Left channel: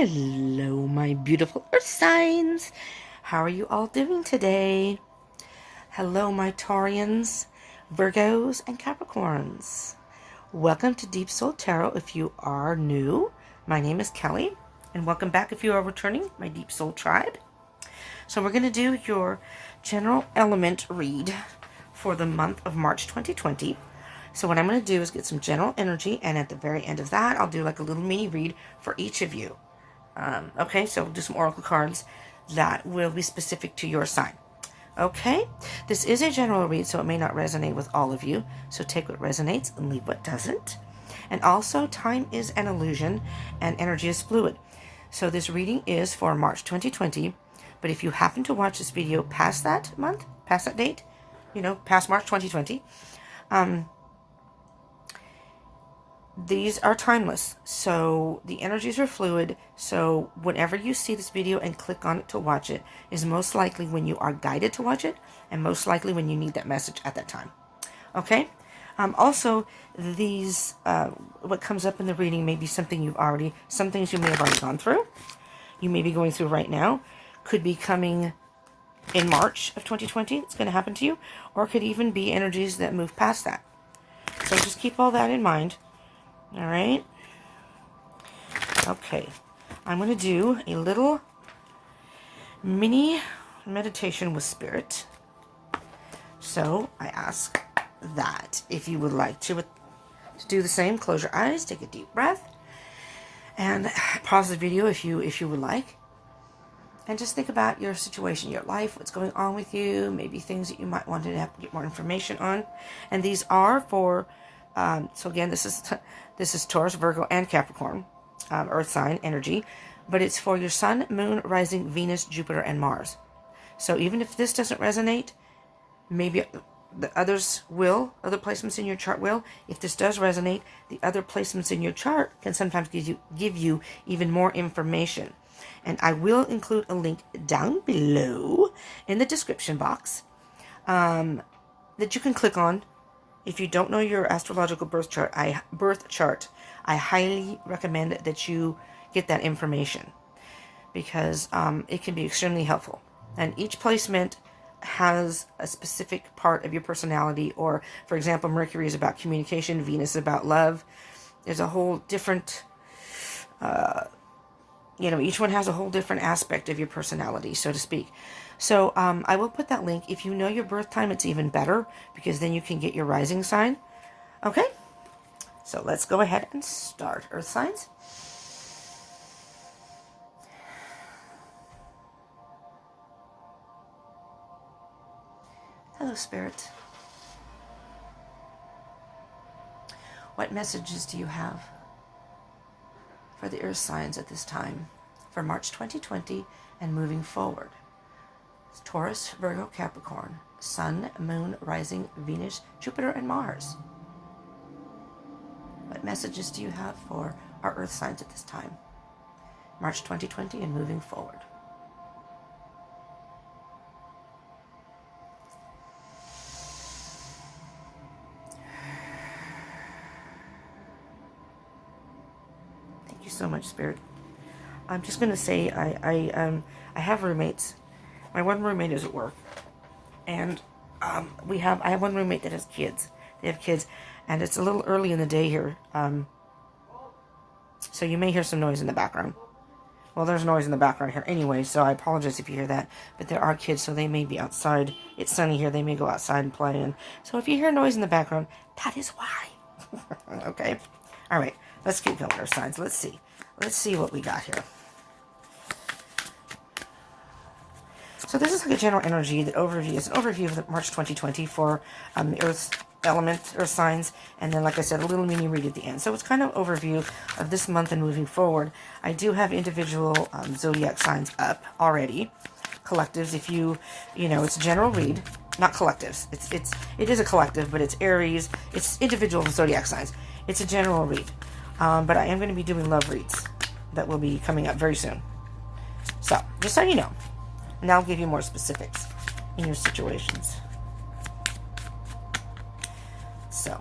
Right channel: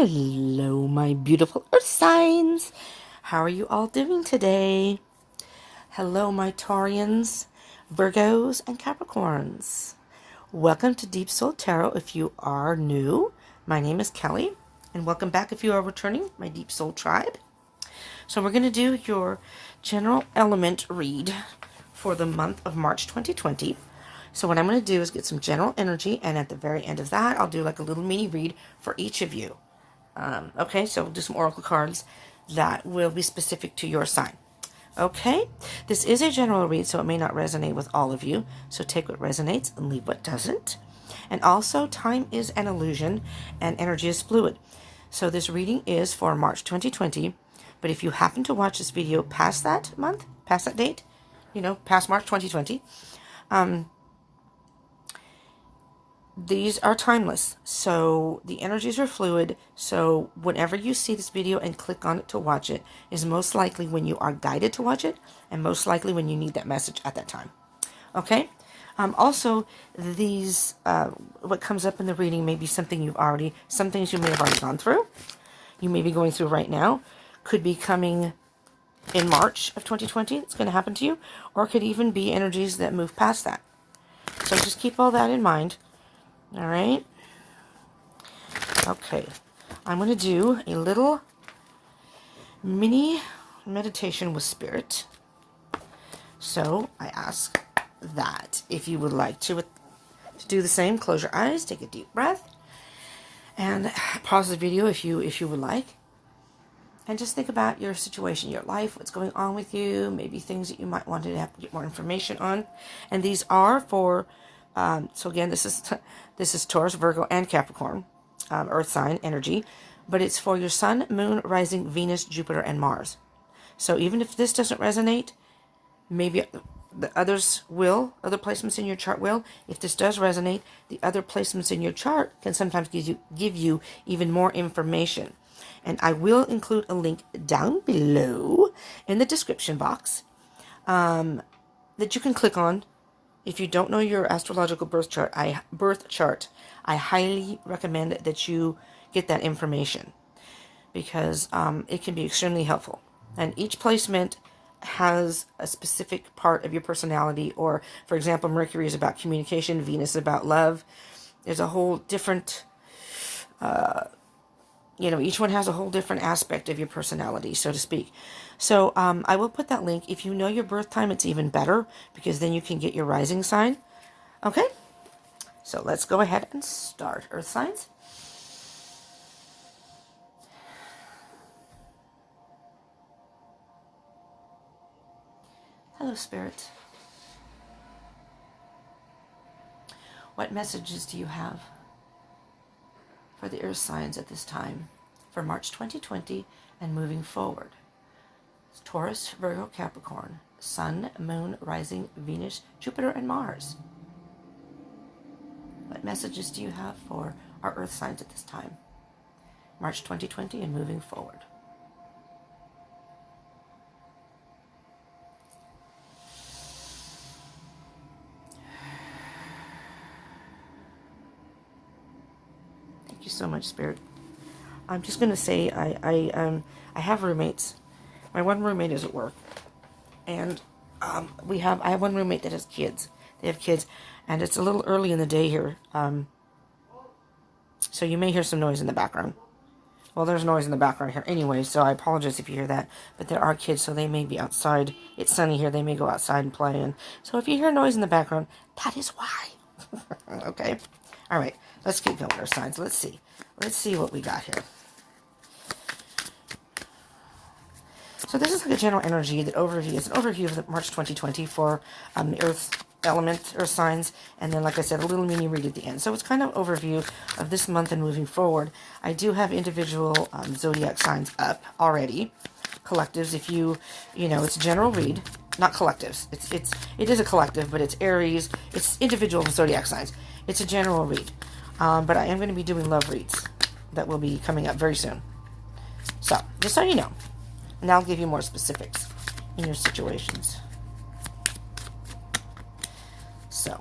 Hello, my beautiful earth signs. How are you all doing today? Hello, my Taurians, Virgos, and Capricorns. Welcome to Deep Soul Tarot. If you are new, my name is Kelly, and welcome back if you are returning, my Deep Soul tribe. So we're going to do your general element read for the month of March 2020. So what I'm going to do is get some general energy, and at the very end of that, I'll do like a little mini read for each of you. Okay, so we'll do some oracle cards that will be specific to your sign. Okay, this is a general read, so it may not resonate with all of you. So take what resonates and leave what doesn't. And also, time is an illusion and energy is fluid. So this reading is for March 2020. But if you happen to watch this video past that month, past that date, past March 2020, these are timeless, so the energies are fluid. So whenever you see this video and click on it to watch it is most likely when you are guided to watch it, and most likely when you need that message at that time. Okay. Also, these what comes up in the reading may be something some things you may have already gone through. You may be going through right now. Could be coming in March of 2020. It's going to happen to you, or it could even be energies that move past that. So just keep all that in mind. All right. Okay. I'm going to do a little mini meditation with spirit. So I ask that if you would like to do the same, close your eyes, take a deep breath, and pause the video if you would like. And just think about your situation, your life, what's going on with you, maybe things that you might want to have to get more information on. And these are for so again, this is Taurus, Virgo, and Capricorn, Earth sign energy, but it's for your Sun, Moon, Rising, Venus, Jupiter, and Mars. So even if this doesn't resonate, maybe the others will, other placements in your chart will. If this does resonate, the other placements in your chart can sometimes give you even more information. And I will include a link down below in the description box that you can click on. If you don't know your astrological birth chart, I highly recommend that you get that information because it can be extremely helpful. And each placement has a specific part of your personality. Or, for example, Mercury is about communication, Venus is about love. There's a whole different, each one has a whole different aspect of your personality, so to speak. So I will put that link. If you know your birth time, it's even better because then you can get your rising sign. Okay, so let's go ahead and start. Earth signs. Hello, Spirit. What messages do you have for the earth signs at this time for March 2020 and moving forward? Taurus, Virgo, Capricorn, Sun, Moon, Rising, Venus, Jupiter, and Mars. What messages do you have for our earth signs at this time? March 2020 and moving forward. Thank you so much, Spirit. I'm just going to say I have roommates. My one roommate is at work, and I have one roommate that has kids. They have kids, and it's a little early in the day here, so you may hear some noise in the background. Well, there's noise in the background here anyway, so I apologize if you hear that. But there are kids, so they may be outside. It's sunny here. They may go outside and play, and so if you hear noise in the background, that is why. Okay, all right. Let's keep going. Our signs. Let's see what we got here. So this is like a general energy, that overview. It's an overview of March 2020 for the earth element, earth signs, and then, like I said, a little mini read at the end. So it's kind of an overview of this month and moving forward. I do have individual zodiac signs up already, collectives. If it's a general read, not collectives. It is a collective, but it's Aries. It's individual zodiac signs. It's a general read, but I am going to be doing love reads that will be coming up very soon. So just so you know. And I'll give you more specifics in your situations. So,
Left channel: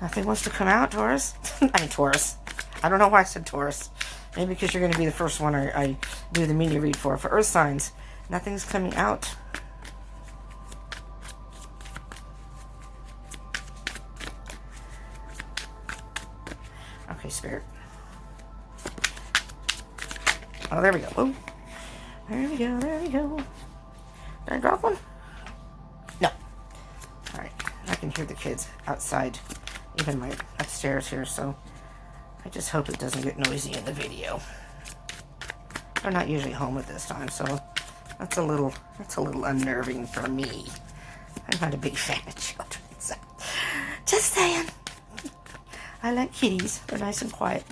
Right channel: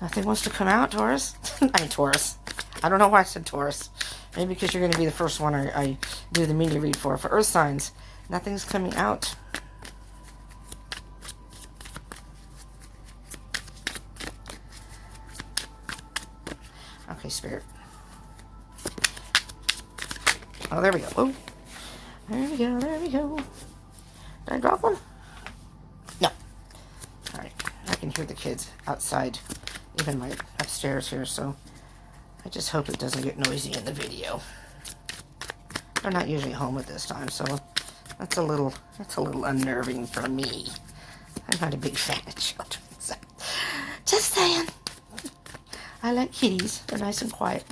Nothing wants to come out, Taurus. I mean, Taurus. I don't know why I said Taurus. Maybe because you're going to be the first one I do the mini read for. For earth signs, nothing's coming out. Okay, Spirit. Oh, there we go. Oh, there we go. There we go. Did I drop one? No. All right. I can hear the kids outside, even my upstairs here, so I just hope it doesn't get noisy in the video. They're not usually home at this time, so that's a little unnerving for me. I'm not a big fan of children, so just saying. I like kitties. They're nice and quiet.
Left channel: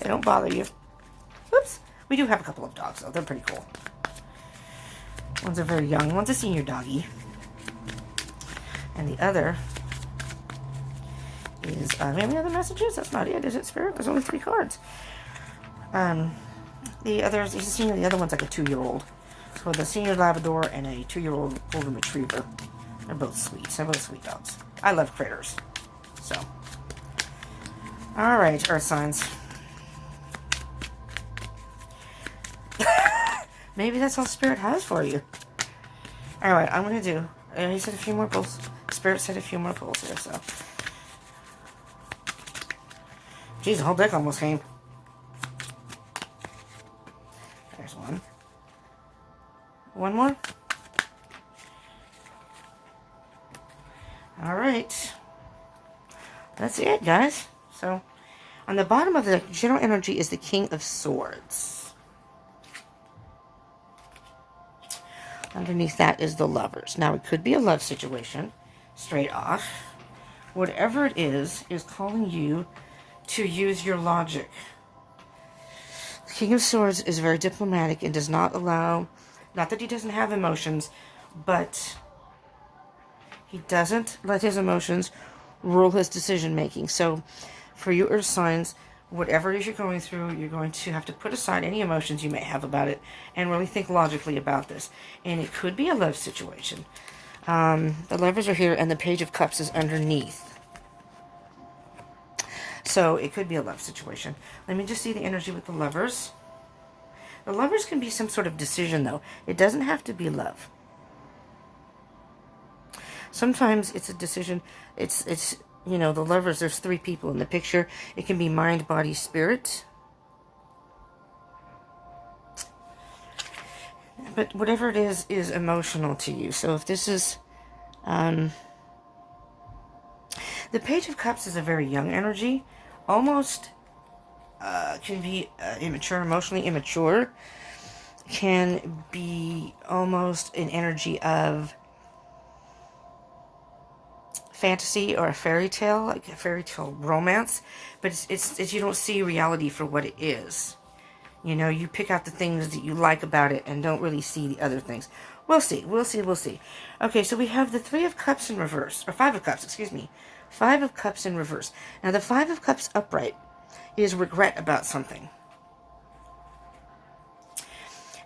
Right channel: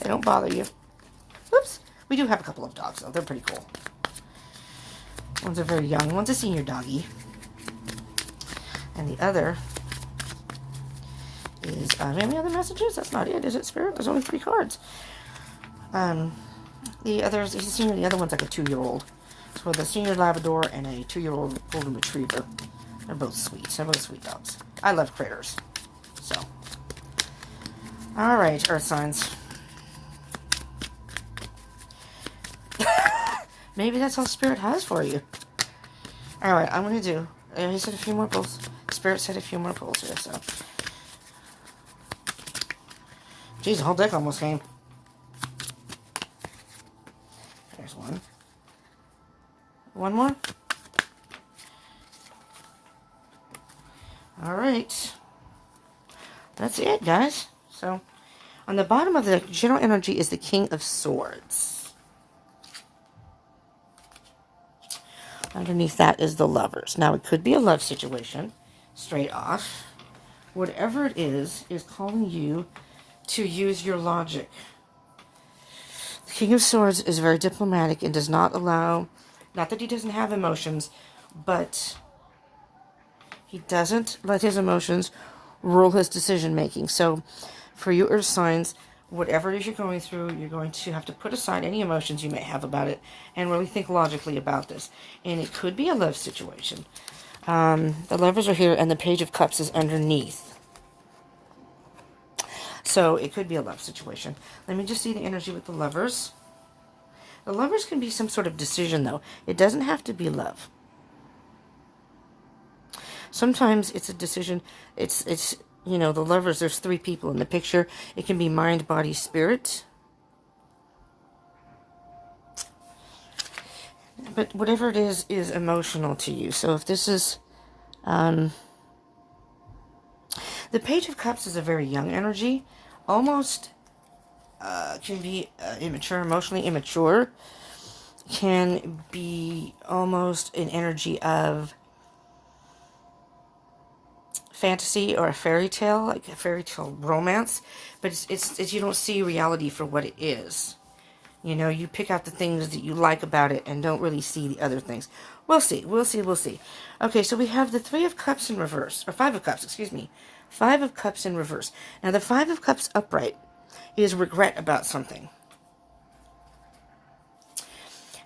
They don't bother you. Oops. We do have a couple of dogs, though. They're pretty cool. One's a very young, one's a senior doggy. And the other is, any other messages? That's not it, is it, Spirit? There's only 3 cards. The other's, he's a senior, the other one's like a 2-year-old. So the senior Labrador and a 2-year-old golden retriever. They're both sweet. They're both sweet dogs. I love critters. So. Alright, Earth signs. Maybe that's all Spirit has for you. Alright, I'm going to do, he said a few more pulls. Spirit said a few more pulls here, so. Jeez, the whole deck almost came. There's one. One more. Alright. That's it, guys. So, on the bottom of the general energy is the King of Swords. Underneath that is the Lovers. Now, it could be a love situation, straight off. Whatever it is calling you to use your logic. The King of Swords is very diplomatic and does not allow, not that he doesn't have emotions, but he doesn't let his emotions rule his decision making. So, for you Earth signs, whatever it is you're going through, you're going to have to put aside any emotions you may have about it and really think logically about this. And it could be a love situation. The Lovers are here and the Page of Cups is underneath. So it could be a love situation. Let me just see the energy with the Lovers. The Lovers can be some sort of decision, though. It doesn't have to be love. Sometimes it's a decision. It's you know, the Lovers, there's 3 people in the picture. It can be mind, body, spirit. But whatever it is emotional to you. So if this is, the Page of Cups is a very young energy. Almost, can be immature, emotionally immature. Can be almost an energy of fantasy or a fairy tale, like a fairy tale romance, but it's you don't see reality for what it is. You know, you pick out the things that you like about it and don't really see the other things. We'll see. Okay, so we have the 3 of Cups in reverse, or 5 of Cups, excuse me. 5 of Cups in reverse. Now, the 5 of Cups upright is regret about something.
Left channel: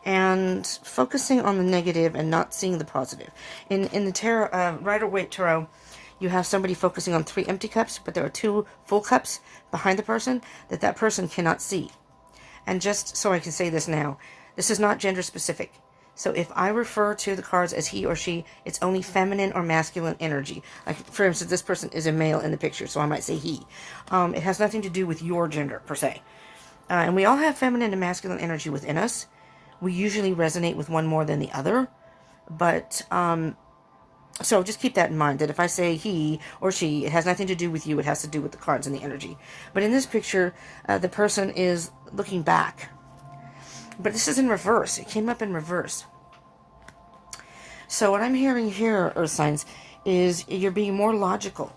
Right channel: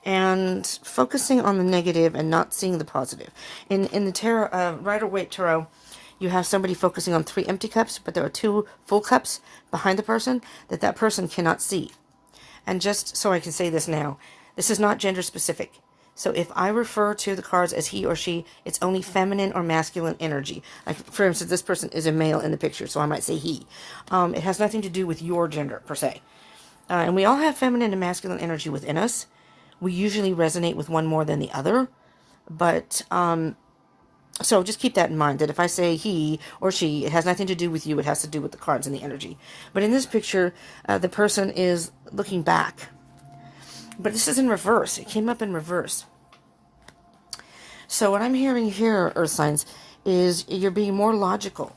And focusing on the negative and not seeing the positive. In the tarot, Rider-Waite Tarot, you have somebody focusing on 3 empty cups, but there are 2 full cups behind the person that person cannot see. And just so I can say this now, this is not gender specific. So if I refer to the cards as he or she, it's only feminine or masculine energy. Like, for instance, this person is a male in the picture, so I might say he. It has nothing to do with your gender, per se. And we all have feminine and masculine energy within us. We usually resonate with one more than the other. But, so just keep that in mind, that if I say he or she, it has nothing to do with you. It has to do with the cards and the energy. But in this picture, the person is looking back. But this is in reverse. It came up in reverse. So what I'm hearing here, Earth signs, is you're being more logical.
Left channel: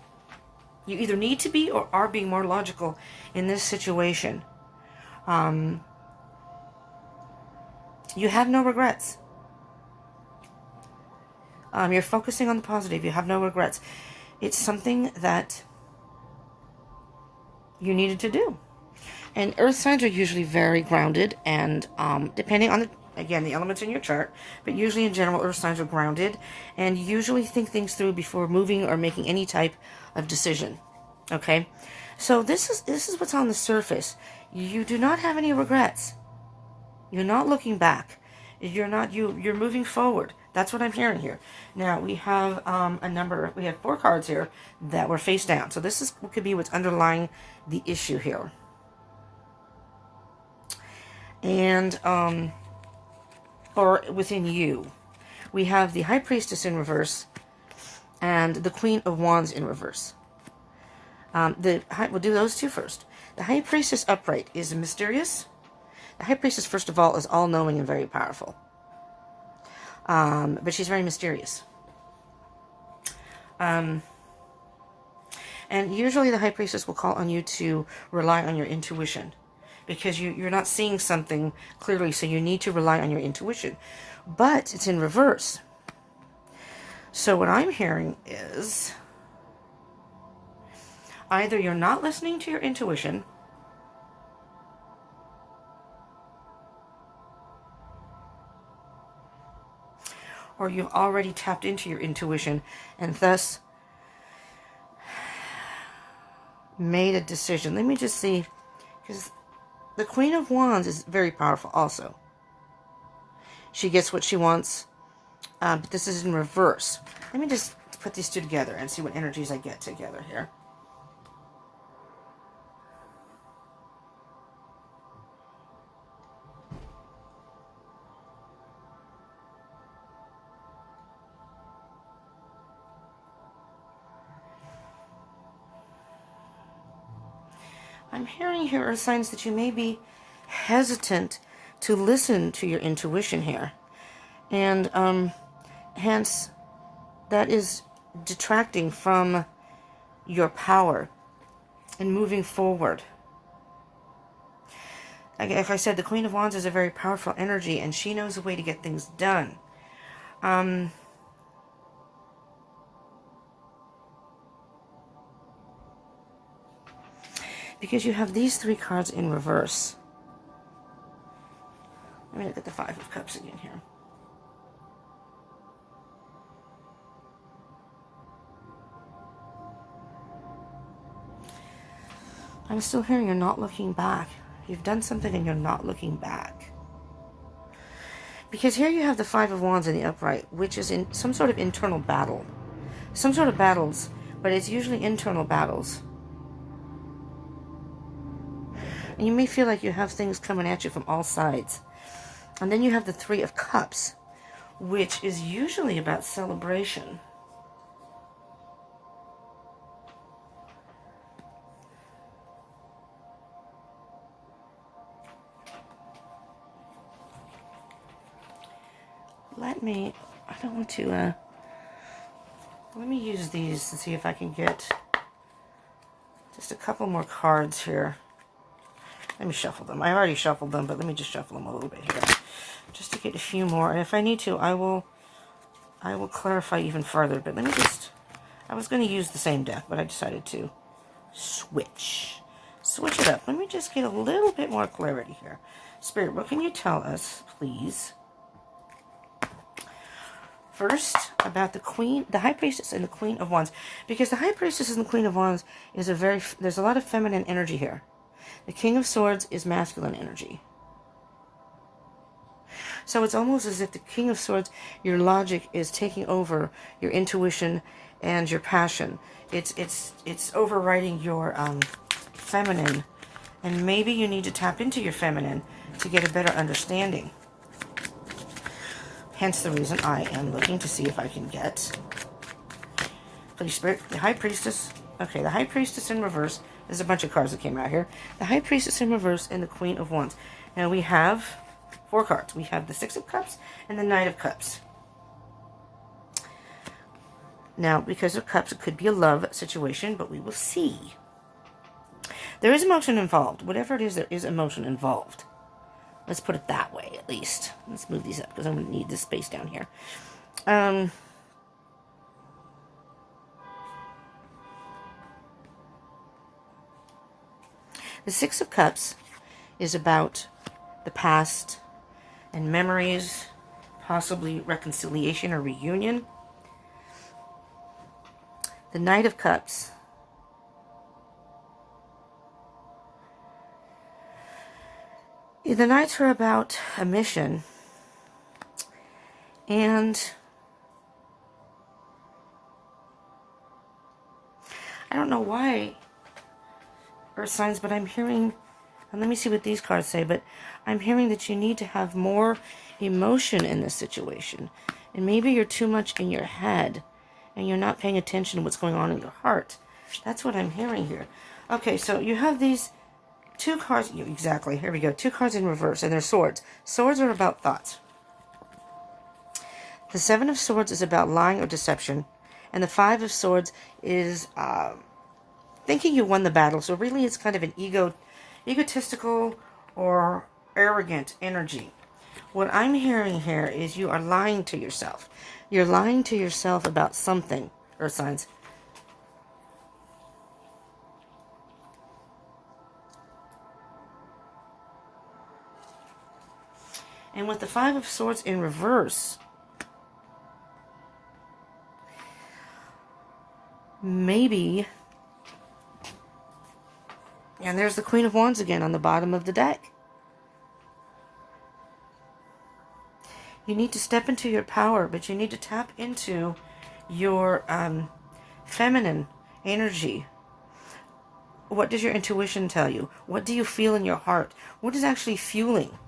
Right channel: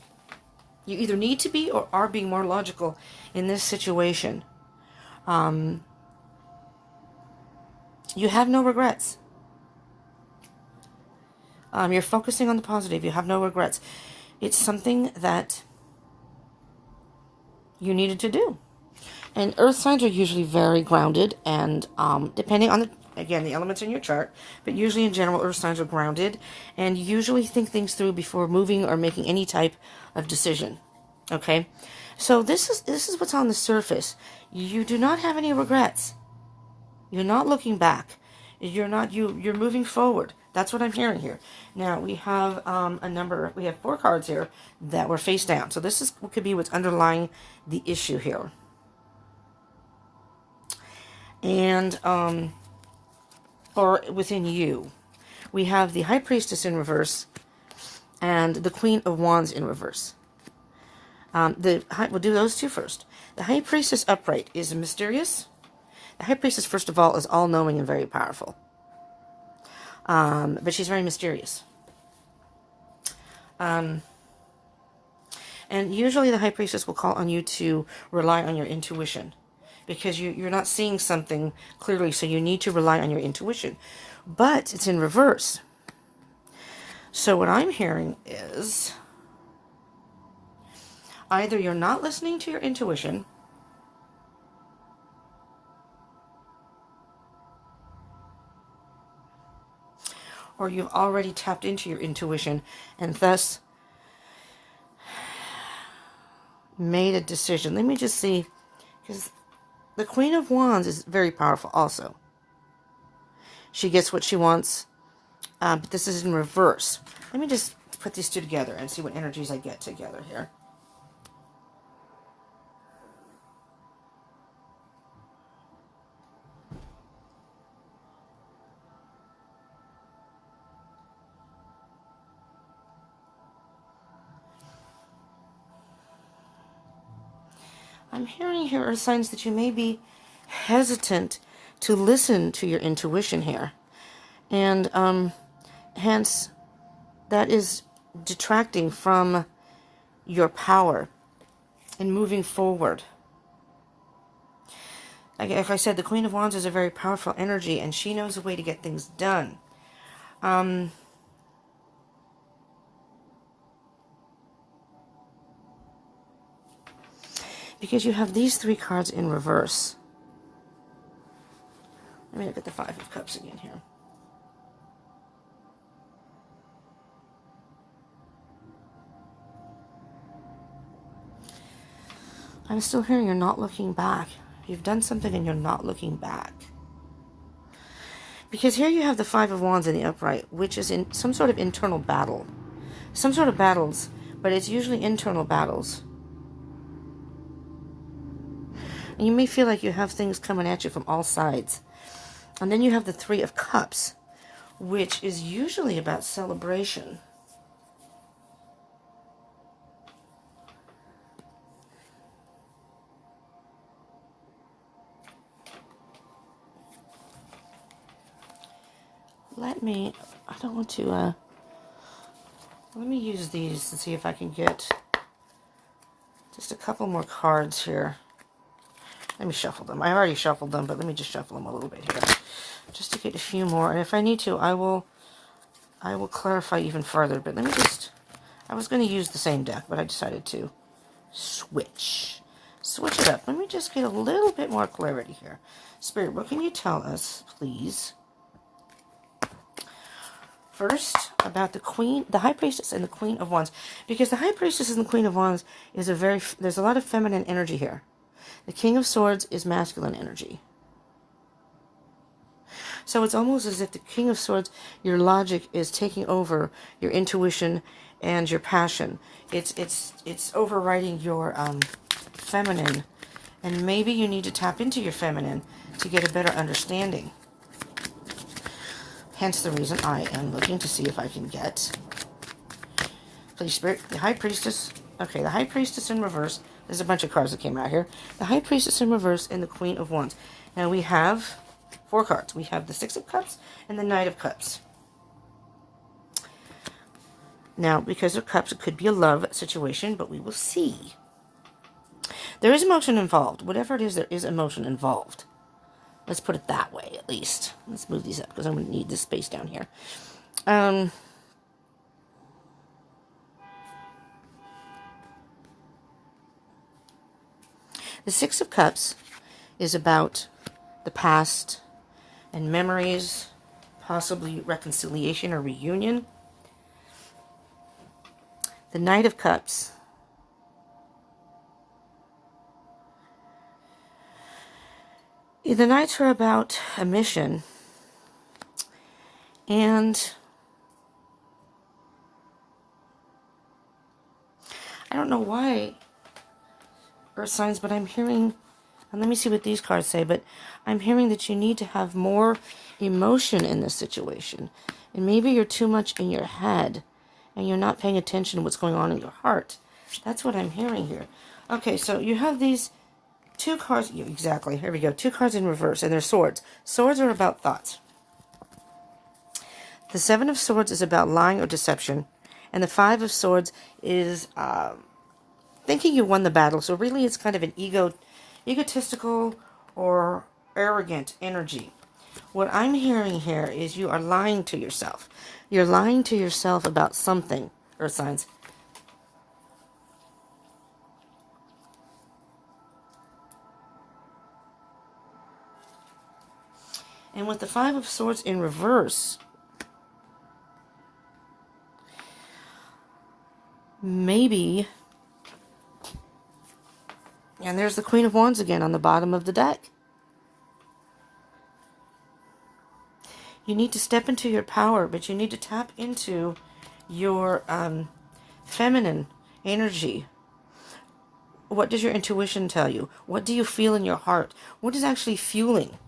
You either need to be or are being more logical in this situation. You have no regrets. You're focusing on the positive. You have no regrets. It's something that you needed to do. And Earth signs are usually very grounded, and depending on, the elements in your chart, but usually in general, Earth signs are grounded and usually think things through before moving or making any type of decision. Okay, so this is what's on the surface. You do not have any regrets. You're not looking back. You're moving forward. That's what I'm hearing here. Now we have we have 4 cards here that were face down. So this is could be what's underlying the issue here. And or within you. We have the High Priestess in reverse and the Queen of Wands in reverse. We'll do those 2 first. The High Priestess upright is mysterious. The High Priestess, first of all, is all-knowing and very powerful. But she's very mysterious. And usually the High Priestess will call on you to rely on your intuition. Because you're not seeing something clearly, so you need to rely on your intuition. But it's in reverse. So what I'm hearing is either you're not listening to your intuition, or you've already tapped into your intuition and thus made a decision. Let me just see, because the Queen of Wands is very powerful also. She gets what she wants, but this is in reverse. Let me just put these 2 together and see what energies I get together here. I'm hearing here are signs that you may be hesitant to listen to your intuition here. And hence, that is detracting from your power and moving forward. Like I said, the Queen of Wands is a very powerful energy, and she knows a way to get things done. Because you have these 3 cards in reverse. Let me look at the 5 of Cups again here. I'm still hearing you're not looking back. You've done something and you're not looking back. Because here you have the 5 of Wands in the upright, which is in some sort of internal battle. Some sort of battles, but it's usually internal battles. And you may feel like you have things coming at you from all sides. And then you have the 3 of Cups, which is usually about celebration. I don't want to, let me use these and see if I can get just a couple more cards here. Let me shuffle them. I already shuffled them, but let me just shuffle them a little bit here. Just to get a few more. And if I need to, I will clarify even further. But let me just, I was going to use the same deck, but I decided to switch it up. Let me just get a little bit more clarity here. Spirit, what can you tell us, please? First, about the High Priestess and the Queen of Wands. Because the High Priestess and the Queen of Wands is there's a lot of feminine energy here. The King of Swords is masculine energy. So it's almost as if the King of Swords, your logic is taking over your intuition and your passion. It's overriding your feminine. And maybe you need to tap into your feminine to get a better understanding. Hence the reason I am looking to see if I can get the Spirit, the High Priestess. Okay, the High Priestess in reverse. There's a bunch of cards that came out here. The High Priestess in reverse and the Queen of Wands. Now we have 4 cards. We have the 6 of Cups and the Knight of Cups. Now, because of Cups, it could be a love situation, but we will see. There is emotion involved. Whatever it is, there is emotion involved. Let's put it that way, at least. Let's move these up, because I'm going to need this space down here. The 6 of Cups is about the past and memories, possibly reconciliation or reunion. The Knight of Cups The Knights are about a mission. And I don't know why, Earth signs, but I'm hearing, and let me see what these cards say, but I'm hearing that you need to have more emotion in this situation. And maybe you're too much in your head, and you're not paying attention to what's going on in your heart. That's what I'm hearing here. Okay, so you have these two cards. Exactly, here we go. Two cards in reverse, and they're swords. Swords are about thoughts. The Seven of Swords is about lying or deception, and the Five of Swords is thinking you won the battle. So really it's kind of an egotistical or arrogant energy. What I'm hearing here is you are lying to yourself. You're lying to yourself about something, Earth signs. And with the Five of Swords in reverse, maybe, and there's the Queen of Wands again on the bottom of the deck. You need to step into your power, but you need to tap into your feminine energy. What does your intuition tell you? What do you feel in your heart? What is actually fueling?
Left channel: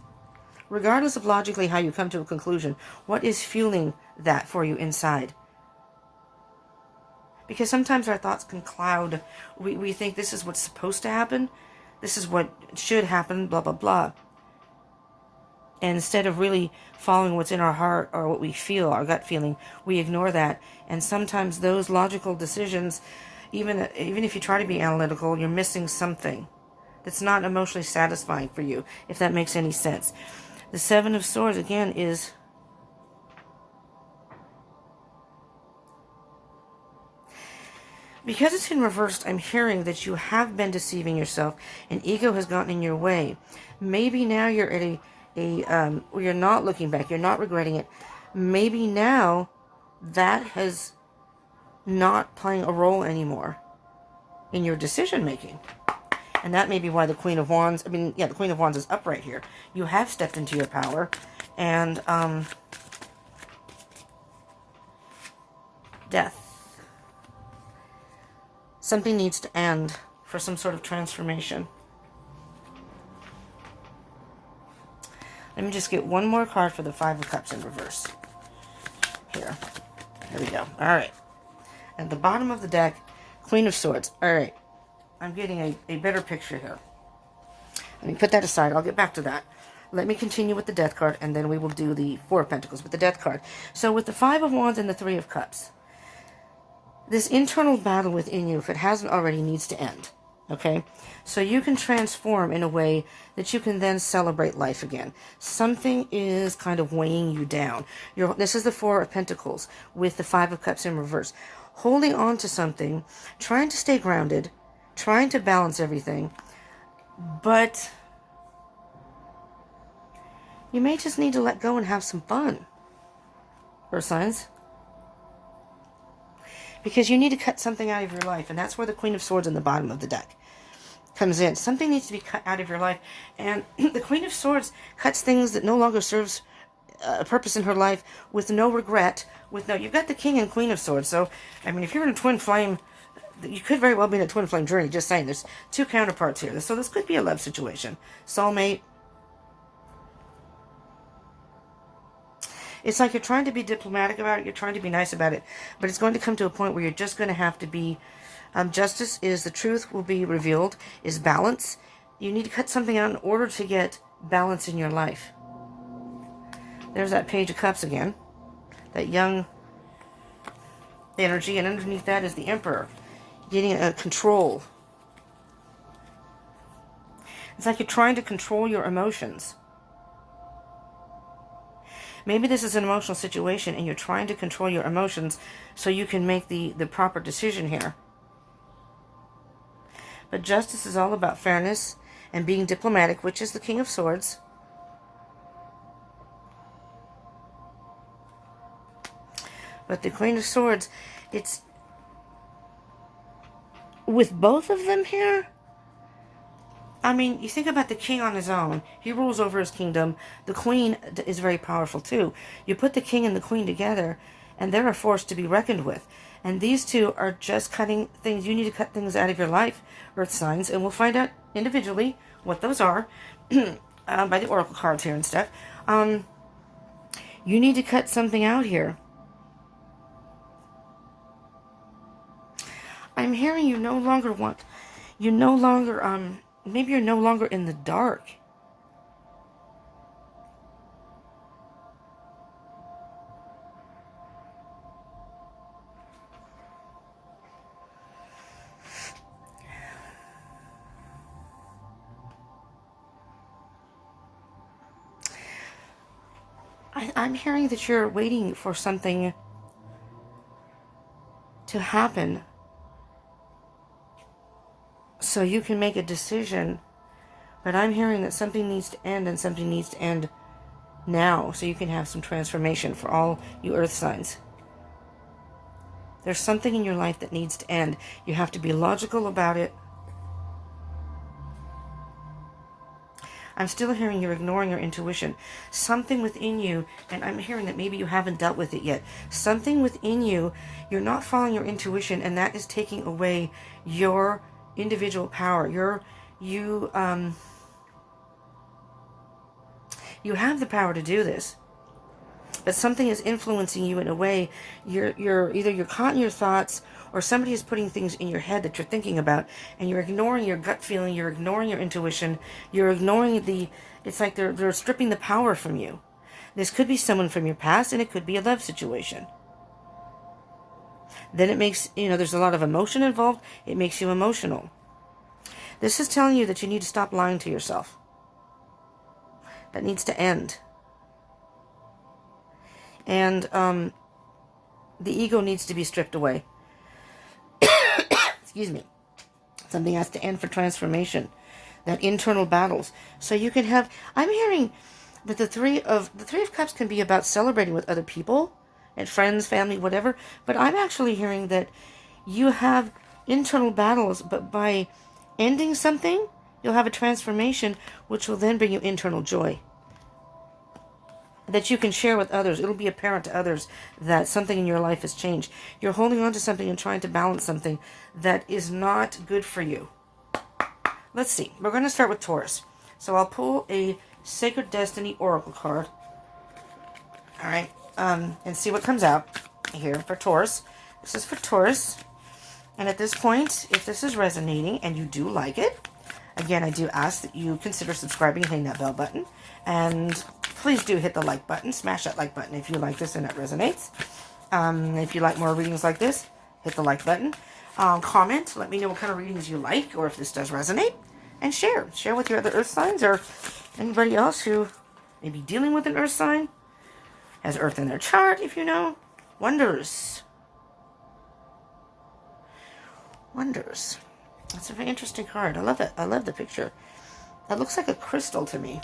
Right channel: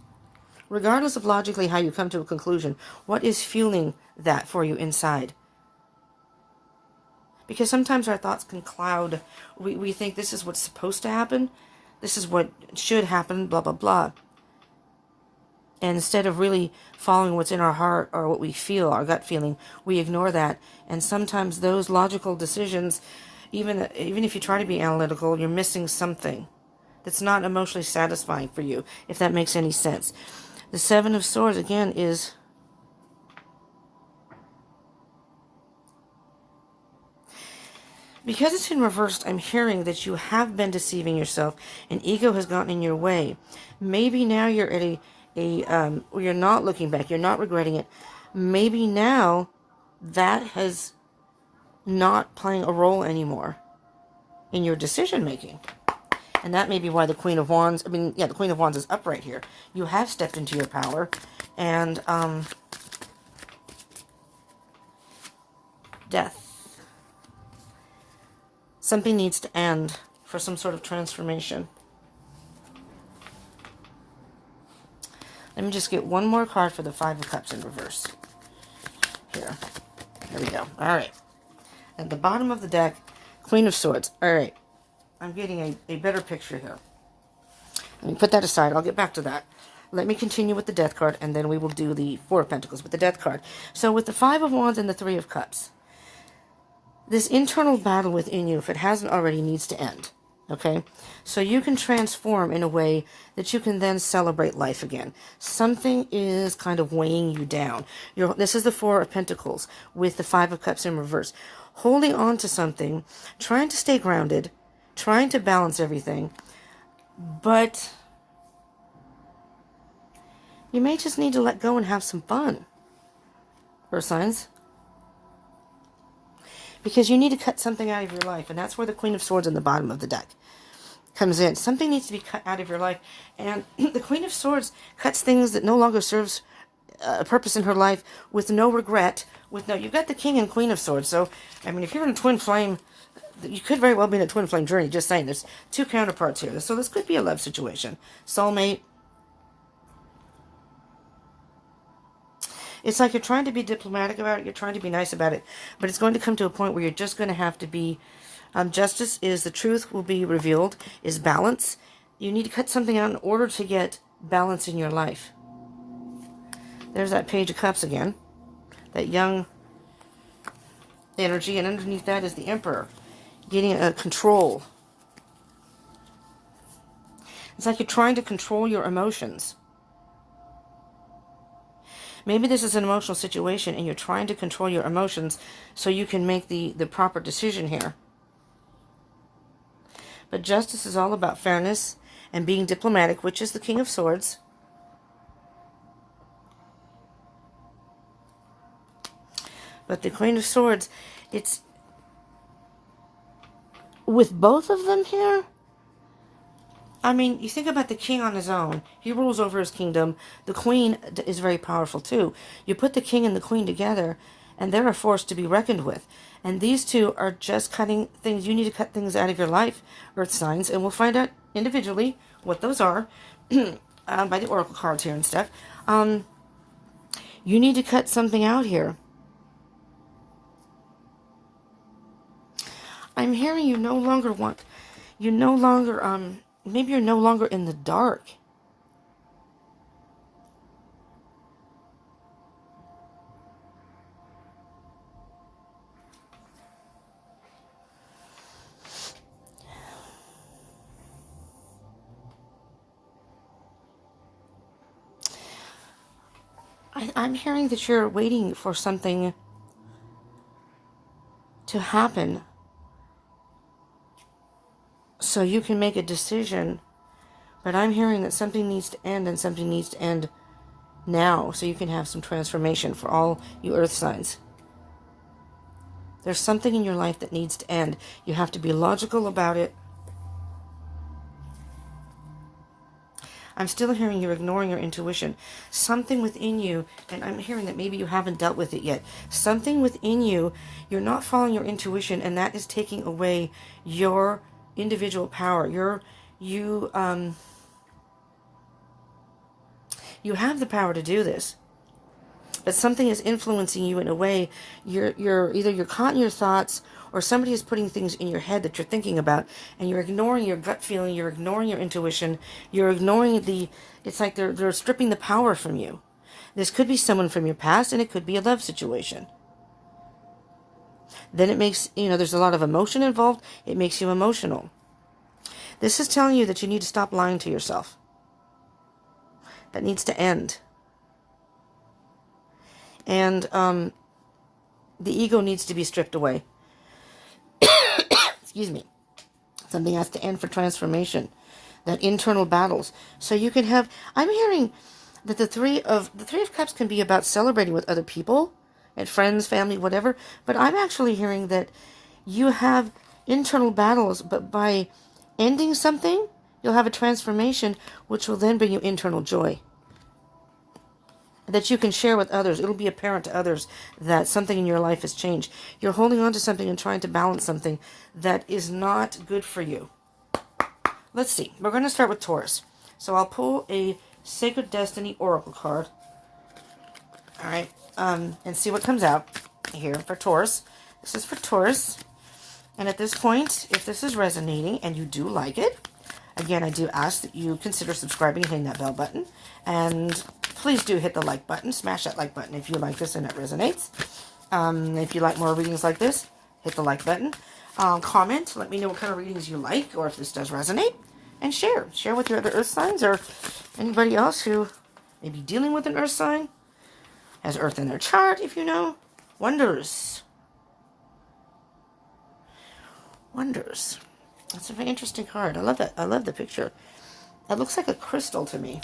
Regardless of logically how you come to a conclusion, what is fueling that for you inside? Because sometimes our thoughts can cloud. We think this is what's supposed to happen. This is what should happen, blah, blah, blah. And instead of really following what's in our heart or what we feel, our gut feeling, we ignore that. And sometimes those logical decisions, even if you try to be analytical, you're missing something that's not emotionally satisfying for you, if that makes any sense. The Seven of Swords, again, is because it's in reverse. I'm hearing that you have been deceiving yourself and ego has gotten in your way. Maybe now you're at you're not looking back, you're not regretting it. Maybe now that has not playing a role anymore in your decision making. And that may be why the Queen of Wands, the Queen of Wands is up right here. You have stepped into your power, and death. Something needs to end for some sort of transformation. Let me just get one more card for the Five of Cups in reverse. Here we go. All right. At the bottom of the deck, Queen of Swords. All right. I'm getting a better picture here. Let me put that aside. I'll get back to that. Let me continue with the Death card, and then we will do the Four of Pentacles with the Death card. So with the Five of Wands and the Three of Cups, this internal battle within you, if it hasn't already, needs to end. Okay? So you can transform in a way that you can then celebrate life again. Something is kind of weighing you down. This is the Four of Pentacles with the Five of Cups in reverse. Holding on to something, trying to stay grounded, trying to balance everything, but you may just need to let go and have some fun, Earth signs. Because you need to cut something out of your life, and that's where the Queen of Swords on the bottom of the deck comes in. Something needs to be cut out of your life, and the Queen of Swords cuts things that no longer serves a purpose in her life with no regret. You've got the King and Queen of Swords, so, if you're in a twin flame, you could very well be in a twin flame journey, just saying. There's two counterparts here, so this could be a love situation. Soulmate. It's like you're trying to be diplomatic about it, you're trying to be nice about it, but it's going to come to a point where you're just going to have to be, justice is the truth will be revealed, is balance. You need to cut something out in order to get balance in your life. There's that Page of Cups again, that young energy, and underneath that is the Emperor, getting a control. It's like you're trying to control your emotions. Maybe this is an emotional situation and you're trying to control your emotions so you can make the proper decision here. But justice is all about fairness and being diplomatic, which is the King of Swords. But the Queen of Swords, it's with both of them here, I mean, you think about the king on his own. He rules over his kingdom. The queen is very powerful too. You put the king and the queen together, and they're a force to be reckoned with. And these two are just cutting things. You need to cut things out of your life, earth signs, and we'll find out individually what those are by the oracle cards here and stuff. You need to cut something out here. I'm hearing you no longer want, you no longer, maybe you're no longer in the dark. I'm hearing that you're waiting for something to happen so you can make a decision. But I'm hearing that something needs to end, and something needs to end now so you can have some transformation for all you earth signs. There's something in your life that needs to end. You have to be logical about it. I'm still hearing you're ignoring your intuition. Something within you, and I'm hearing that maybe you haven't dealt with it yet. Something within you, you're not following your intuition, and that is taking away your individual power. You have the power to do this, but something is influencing you in a way. You're caught in your thoughts, or somebody is putting things in your head that you're thinking about, and you're ignoring your gut feeling, you're ignoring your intuition, you're ignoring it's like they're stripping the power from you. This could be someone from your past, and it could be a love situation. Then it makes, there's a lot of emotion involved. It makes you emotional. This is telling you that you need to stop lying to yourself. That needs to end. And the ego needs to be stripped away. Excuse me. Something has to end for transformation. That internal battles. So you can have, I'm hearing that the three of cups can be about celebrating with other people and friends, family, whatever. But I'm actually hearing that you have internal battles, but by ending something, you'll have a transformation, which will then bring you internal joy that you can share with others. It'll be apparent to others that something in your life has changed. You're holding on to something and trying to balance something that is not good for you. Let's see. We're going to start with Taurus. So I'll pull a Sacred Destiny Oracle card. All right. And see what comes out here for Taurus. This is for Taurus. And at this point, if this is resonating and you do like it, again, I do ask that you consider subscribing and hitting that bell button. And please do hit the like button. Smash that like button if you like this and it resonates. If you like more readings like this, hit the like button. Comment. Let me know what kind of readings you like, or if this does resonate. And share. Share with your other earth signs, or anybody else who may be dealing with an earth sign. Has earth in their chart, if you know. Wonders. Wonders. That's a very interesting card. I love it. I love the picture. It looks like a crystal to me.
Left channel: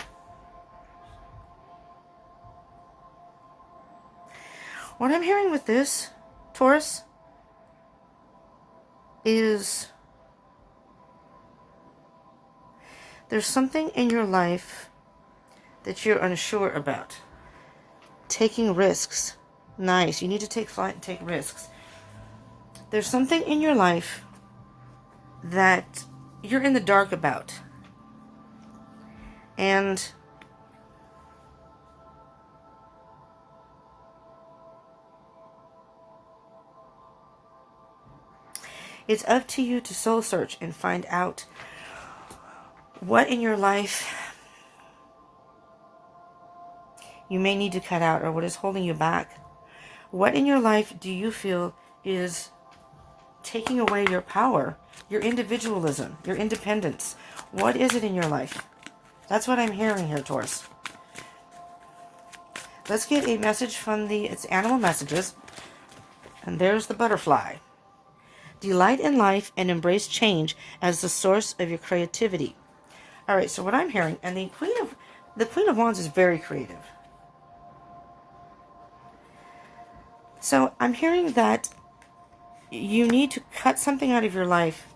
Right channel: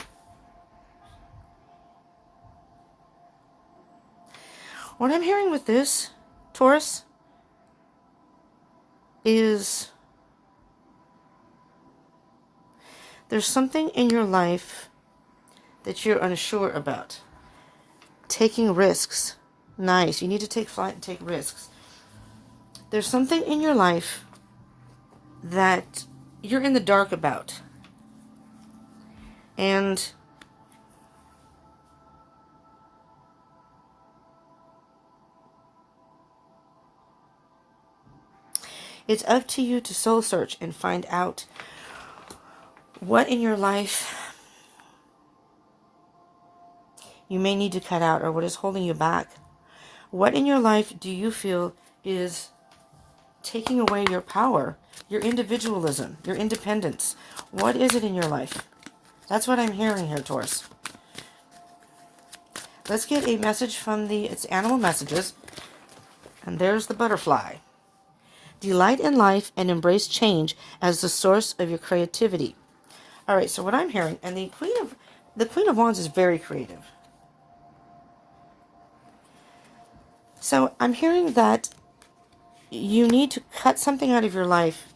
What I'm hearing with this, Taurus, is there's something in your life that you're unsure about. Taking risks. Nice. You need to take flight and take risks. There's something in your life that you're in the dark about. And it's up to you to soul search and find out what in your life you may need to cut out, or what is holding you back. What in your life do you feel is taking away your power, your individualism, your independence? What is it in your life? That's what I'm hearing here, Taurus. Let's get a message from it's animal messages. And there's the butterfly. Delight in life and embrace change as the source of your creativity. All right, so what I'm hearing, and the Queen of Wands is very creative. So I'm hearing that you need to cut something out of your life.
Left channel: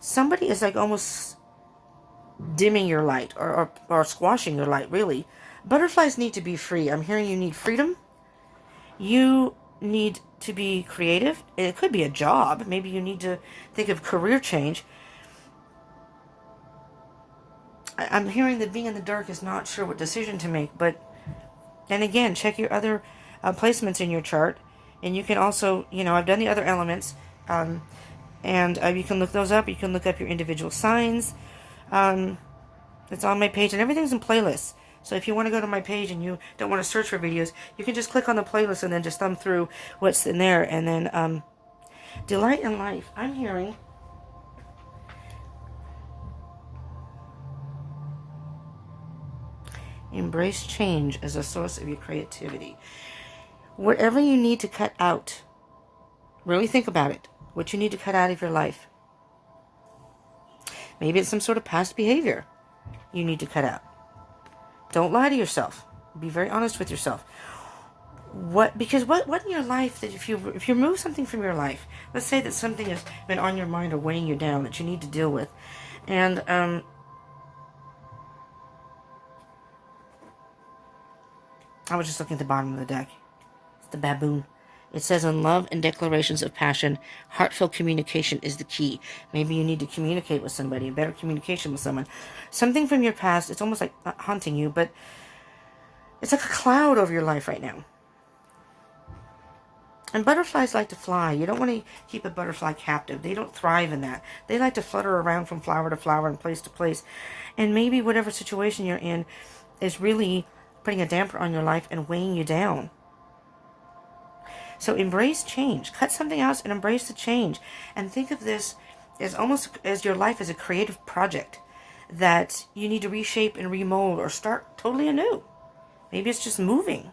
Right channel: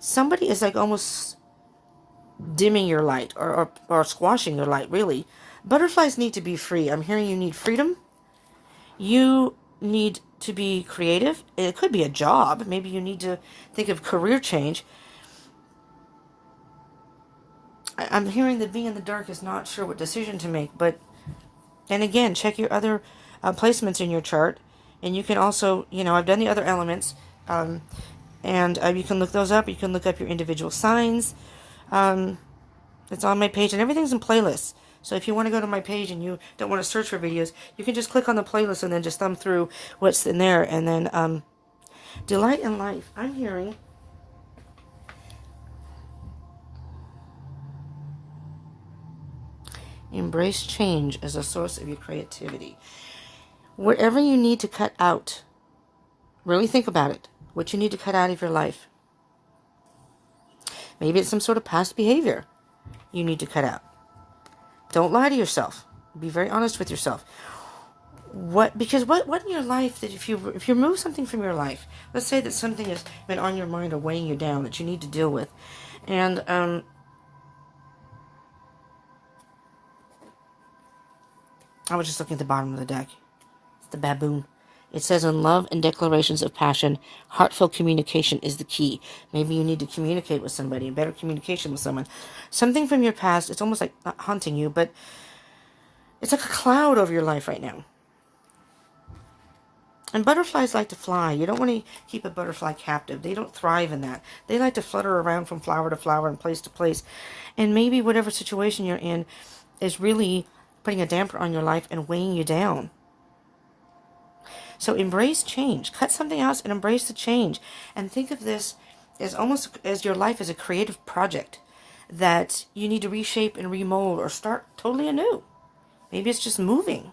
Somebody is like almost dimming your light or squashing your light, really. Butterflies need to be free. I'm hearing you need freedom. You need to be creative. It could be a job. Maybe you need to think of career change. I'm hearing that being in the dark is not sure what decision to make. But, and again, check your other placements in your chart. And you can also, I've done the other elements. And you can look those up. You can look up your individual signs. It's on my page. And everything's in playlists. So if you want to go to my page and you don't want to search for videos, you can just click on the playlist and then just thumb through what's in there. And then delight in life. I'm hearing embrace change as a source of your creativity. Whatever you need to cut out, really think about it. What you need to cut out of your life. Maybe it's some sort of past behavior you need to cut out. Don't lie to yourself. Be very honest with yourself. Because what in your life that if you remove something from your life, let's say that something has been on your mind or weighing you down that you need to deal with, and I was just looking at the bottom of the deck. It's the baboon. It says, in love and declarations of passion, heartfelt communication is the key. Maybe you need to communicate with somebody, better communication with someone. Something from your past, it's almost like not haunting you, but it's like a cloud over your life right now. And butterflies like to fly. You don't want to keep a butterfly captive. They don't thrive in that. They like to flutter around from flower to flower and place to place. And maybe whatever situation you're in is really putting a damper on your life and weighing you down. So embrace change. Cut something else and embrace the change. And think of this as almost as your life as a creative project that you need to reshape and remold or start totally anew. Maybe it's just moving.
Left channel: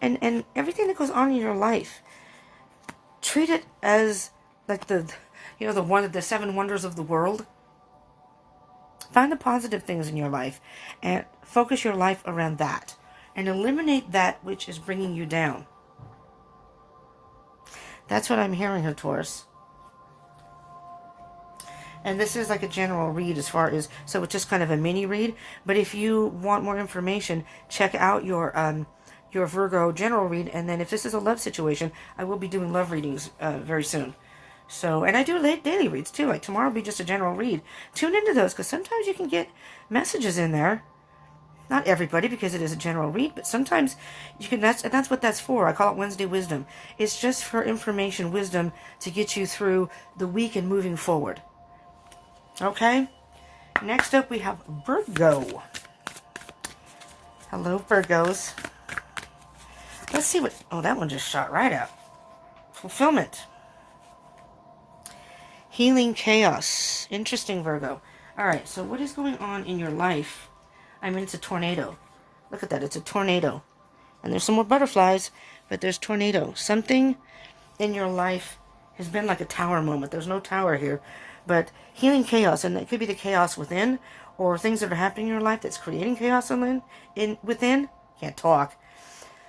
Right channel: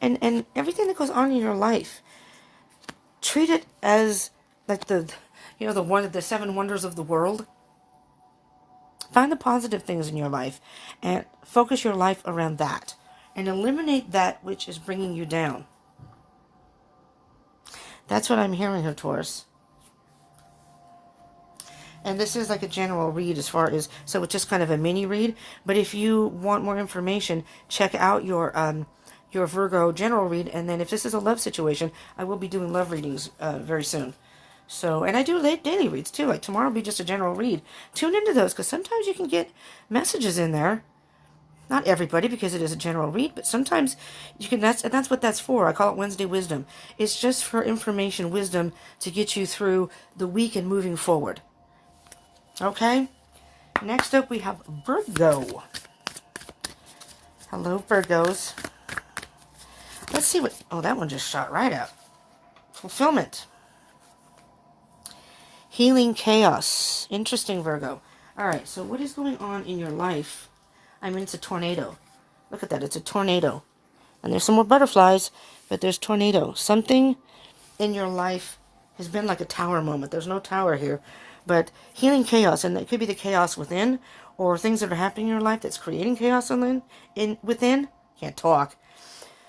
And everything that goes on in your life, treat it as like the seven wonders of the world. Find the positive things in your life and focus your life around that. And eliminate that which is bringing you down. That's what I'm hearing here, Taurus. And this is like a general read as far as, so it's just kind of a mini read. But if you want more information, check out your Virgo general read. And then if this is a love situation, I will be doing love readings very soon. So, and I do daily reads too. Like tomorrow will be just a general read. Tune into those because sometimes you can get messages in there. Not everybody, because it is a general read, but sometimes you can. That's what that's for. I call it Wednesday Wisdom. It's just for information, wisdom to get you through the week and moving forward. Okay. Next up, we have Virgo. Hello, Virgos. Let's see what. Oh, that one just shot right up. Fulfillment. Healing chaos. Interesting, Virgo. All right. So, what is going on in your life? I mean, it's a tornado. Look at that. It's a tornado. And there's some more butterflies, but there's tornado. Something in your life has been like a tower moment. There's no tower here. But healing chaos. And it could be the chaos within or things that are happening in your life that's creating chaos within. Can't talk.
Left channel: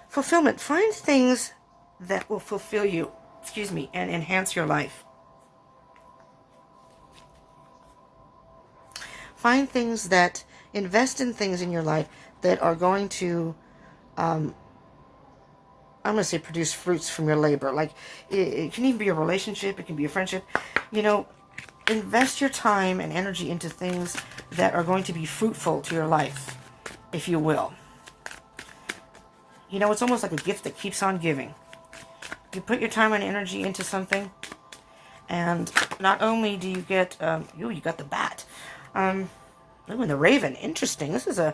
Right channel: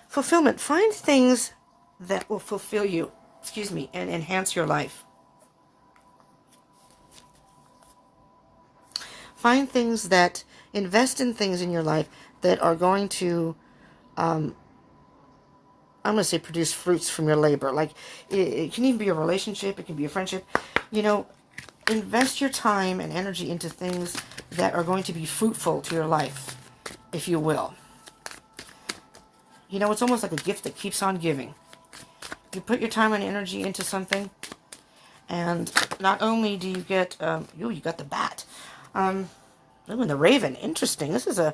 Fulfillment. Find things that will fulfill you. And enhance your life. Find things that... Invest in things in your life that are going to, I'm going to say produce fruits from your labor. Like, it can even be a relationship. It can be a friendship. Invest your time and energy into things that are going to be fruitful to your life, if you will. It's almost like a gift that keeps on giving. You put your time and energy into something, and not only do you get, you got the bat. Oh, and the raven. Interesting. This is a...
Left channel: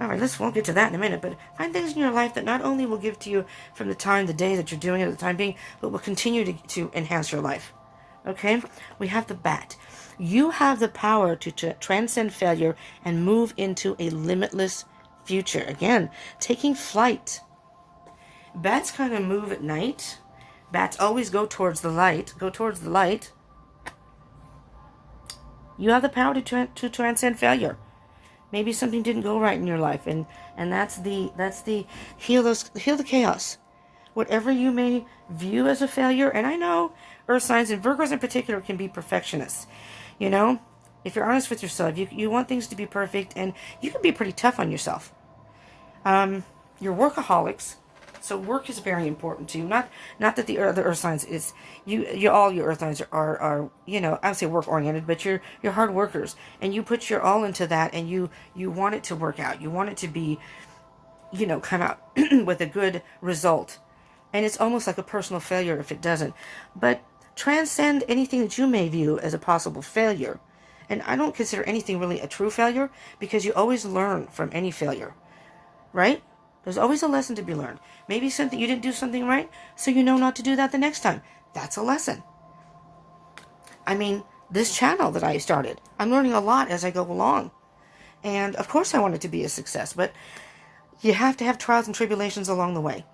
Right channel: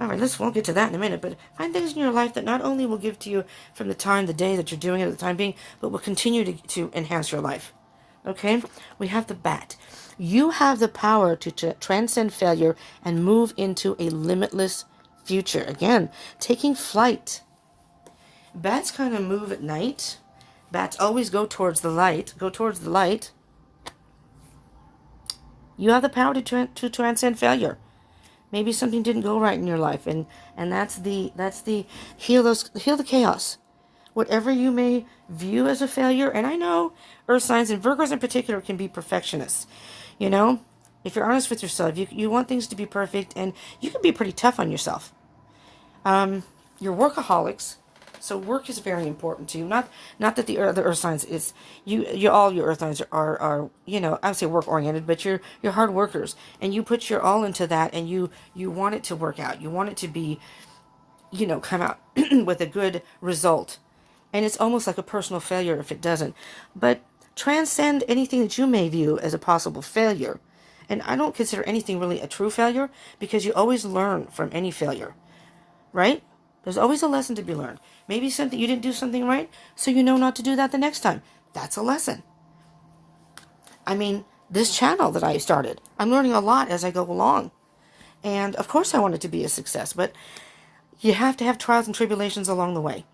All right, we'll get to that in a minute. But find things in your life that not only will give to you from the day that you're doing it at the time being, but will continue to enhance your life. Okay? We have the bat. You have the power to transcend failure and move into a limitless future. Again, taking flight. Bats kind of move at night. Bats always go towards the light. Go towards the light. You have the power to transcend failure. Maybe something didn't go right in your life, and that's the heal the chaos. Whatever you may view as a failure, and I know Earth signs and Virgos in particular can be perfectionists. If if you're honest with yourself, you want things to be perfect, and you can be pretty tough on yourself. You're workaholics, so work is very important to you. Not that the other earth signs is all your earth signs are I would say work oriented, but you're hard workers, and you put your all into that, and you want it to work out. You want it to be, come out with a good result. And it's almost like a personal failure if it doesn't. But transcend anything that you may view as a possible failure. And I don't consider anything really a true failure, because you always learn from any failure, right? There's always a lesson to be learned. Maybe you didn't do something right, so you know not to do that the next time. That's a lesson. I mean, this channel that I started, I'm learning a lot as I go along. And of course I want it to be a success, but you have to have trials and tribulations along the way.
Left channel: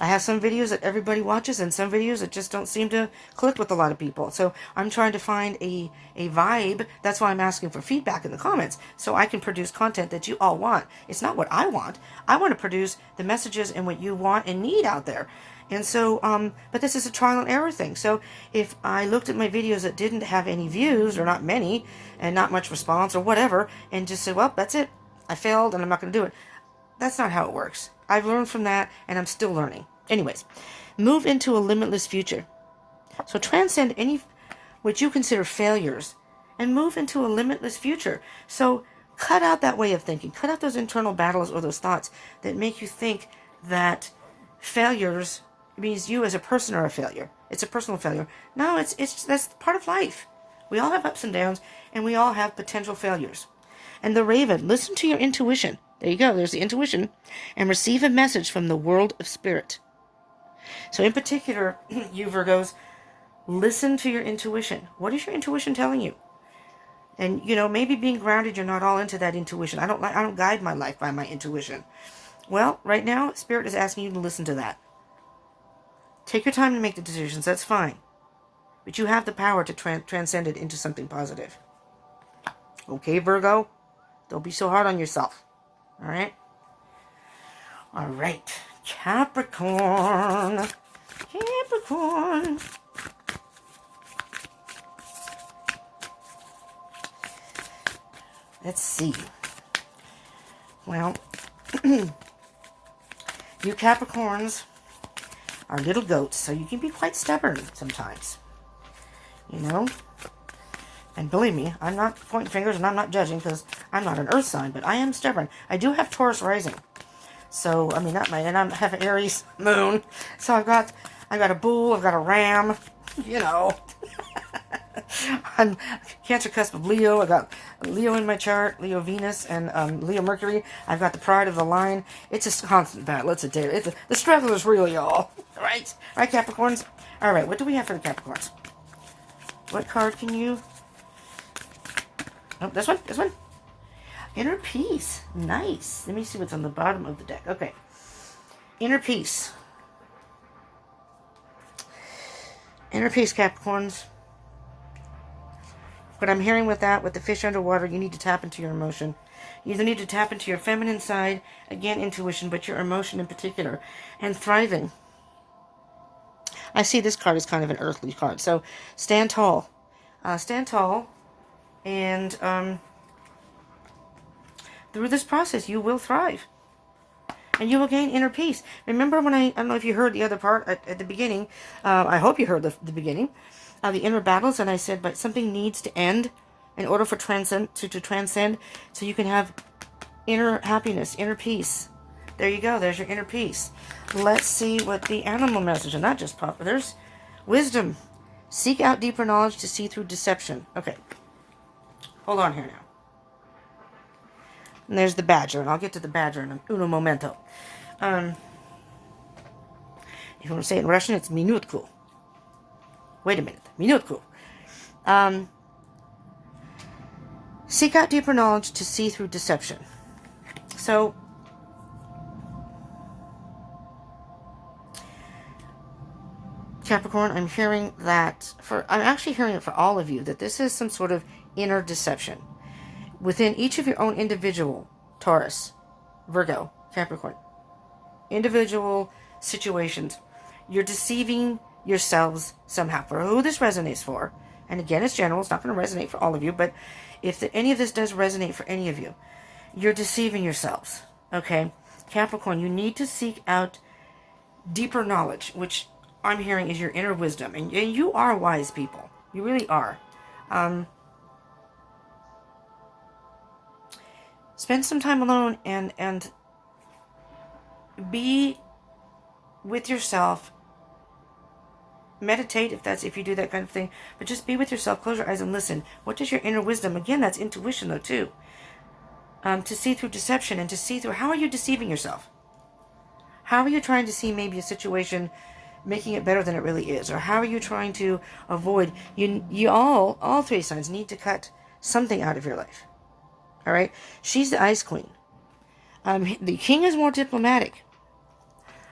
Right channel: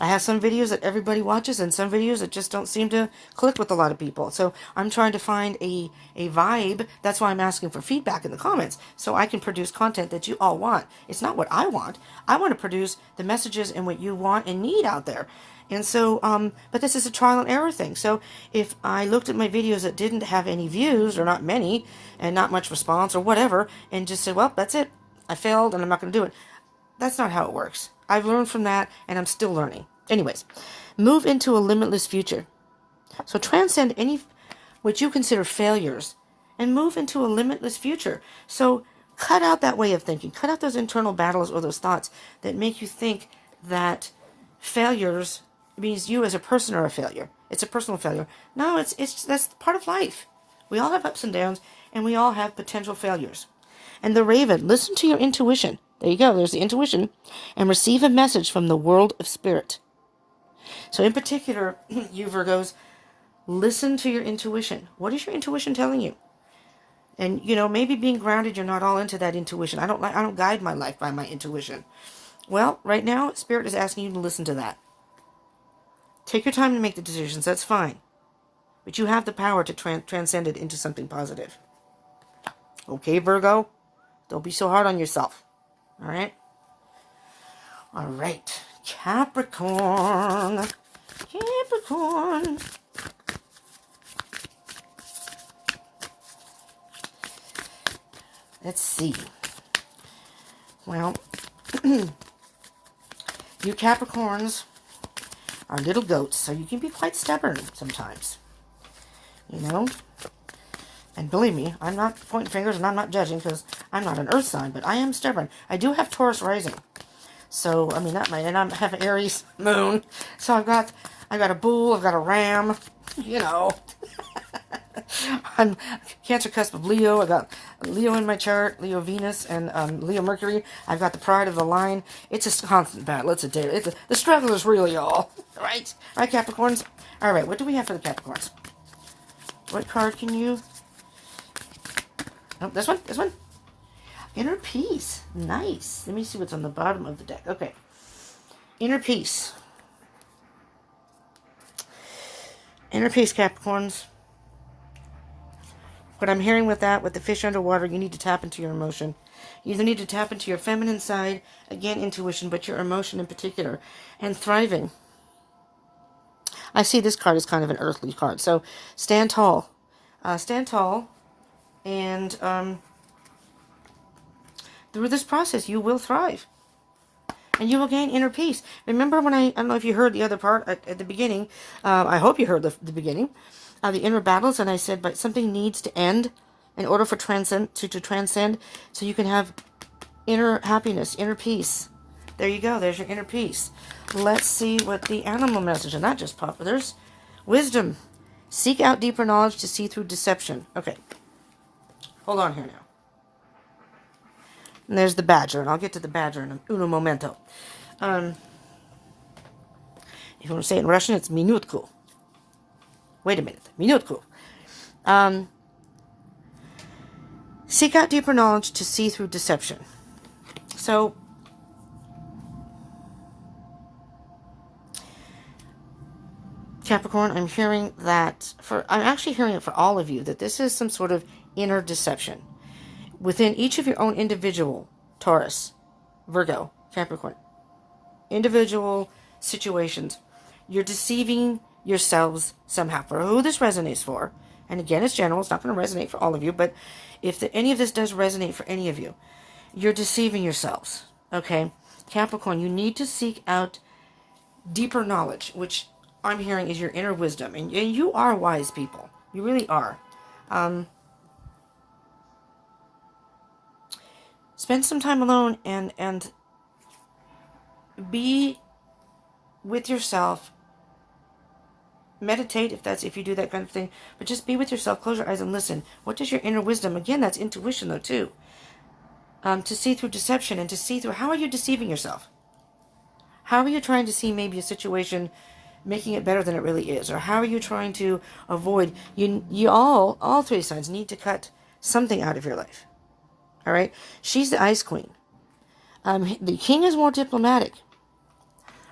I have some videos that everybody watches, and some videos that just don't seem to click with a lot of people. So I'm trying to find a vibe. That's why I'm asking for feedback in the comments, so I can produce content that you all want. It's not what I want. I want to produce the messages and what you want and need out there. And so, but this is a trial and error thing. So if I looked at my videos that didn't have any views, or not many, and not much response or whatever, and just said, well, that's it, I failed and I'm not going to do it. That's not how it works. I've learned from that, and I'm still learning. Anyways, move into a limitless future. So transcend any what you consider failures and move into a limitless future. So cut out that way of thinking. Cut out those internal battles or those thoughts that make you think that failures means you as a person are a failure. It's a personal failure. No, that's part of life. We all have ups and downs, and we all have potential failures. And the Raven, listen to your intuition. There you go. There's the intuition. And receive a message from the world of spirit. So in particular, you Virgos, listen to your intuition. What is your intuition telling you? And, maybe being grounded, you're not all into that intuition. I don't guide my life by my intuition. Well, right now, Spirit is asking you to listen to that. Take your time to make the decisions. That's fine. But you have the power to transcend it into something positive. Okay, Virgo? Don't be so hard on yourself. All right? All right. Capricorn. Capricorn. Let's see. Well, you Capricorns are little goats, so you can be quite stubborn sometimes. And believe me, I'm not pointing fingers and I'm not judging, because I'm not an earth sign, but I am stubborn. I do have Taurus rising. So, and I have an Aries moon. So I've got a bull, I've got a ram, I'm Cancer cusp of Leo. I got Leo in my chart, Leo Venus, and Leo Mercury. I've got the pride of the line. It's a constant battle. The struggle is real, y'all. Right? Right, Capricorns? All right, what do we have for the Capricorns? What card can you... Oh, this one. Inner peace. Nice. Let me see what's on the bottom of the deck. Okay. Inner peace. Inner peace, Capricorns. But I'm hearing with the fish underwater, you need to tap into your emotion. You either need to tap into your feminine side, again, intuition, but your emotion in particular, and thriving. I see this card as kind of an earthly card. So stand tall. Stand tall. And through this process, you will thrive. And you will gain inner peace. Remember when I don't know if you heard the other part at the beginning. I hope you heard the beginning. The inner battles, and I said, but something needs to end in order for to transcend, so you can have inner happiness, inner peace. There you go. There's your inner peace. Let's see what the animal message, and not just proper. There's wisdom. Seek out deeper knowledge to see through deception. Okay. Hold on here now. And there's the badger, and I'll get to the badger in uno momento. If you want to say it in Russian, it's minutku. Wait a minute. Minutku. Seek out deeper knowledge to see through deception. So, Capricorn, I'm hearing that I'm actually hearing it for all of you, that this is some sort of inner deception within each of your own individual Taurus, Virgo, Capricorn, individual situations. You're deceiving yourselves somehow. For who this resonates for, and again, it's general, it's not going to resonate for all of you, but if any of this does resonate for any of you, you're deceiving yourselves, okay? Capricorn, you need to seek out deeper knowledge, which I'm hearing is your inner wisdom, and you are wise people. You really are. Spend some time alone and be with yourself. Meditate if you do that kind of thing, but just be with yourself. Close your eyes and listen. What does your inner wisdom? Again, that's intuition though too. To see through deception and to see through, how are you deceiving yourself? How are you trying to see maybe a situation, making it better than it really is? Or how are you trying to avoid, you all three signs need to cut something out of your life. All right? She's the Ice Queen. The King is more diplomatic.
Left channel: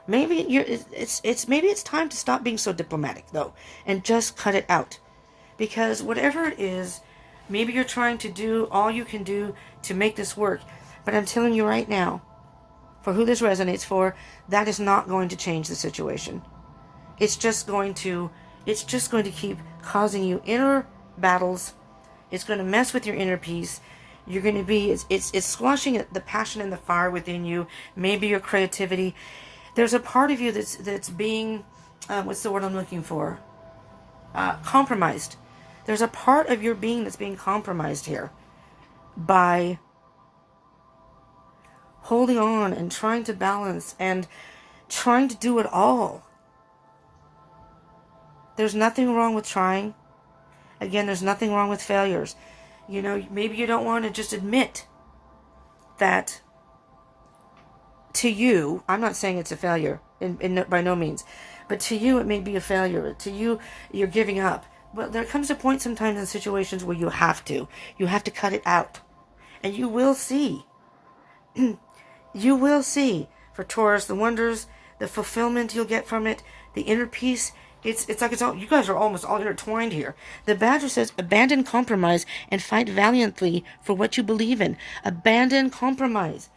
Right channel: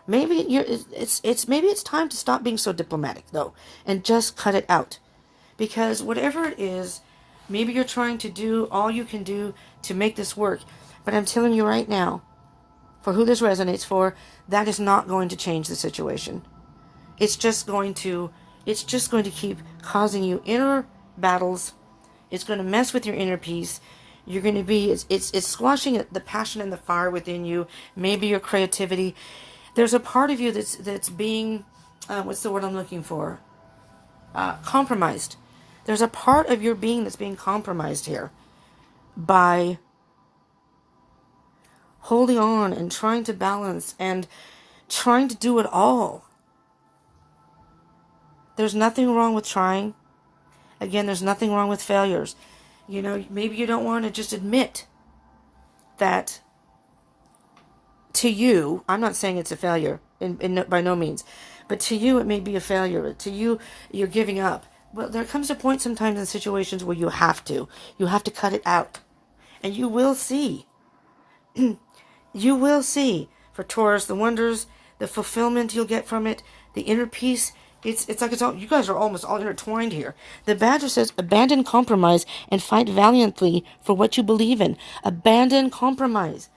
Maybe it's time to stop being so diplomatic though, and just cut it out. Because whatever it is, maybe you're trying to do all you can do to make this work. But I'm telling you right now, for who this resonates for, that is not going to change the situation. It's just going to keep causing you inner battles. It's going to mess with your inner peace. You're going to be, it's squashing the passion and the fire within you. Maybe your creativity. There's a part of you that's being, what's the word I'm looking for? Compromised. There's a part of your being that's being compromised here by holding on and trying to balance and trying to do it all. There's nothing wrong with trying. Again, there's nothing wrong with failures. You know, maybe you don't want to just admit that to you, I'm not saying it's a failure, by no means, but to you it may be a failure. To you, you're giving up. But there comes a point sometimes in situations where you have to cut it out. And you will see. You will see, for Taurus, the wonders, the fulfillment you'll get from it, the inner peace. It's like it's all, you guys are almost all intertwined here. The Badger says, abandon compromise and fight valiantly for what you believe in. Abandon compromise.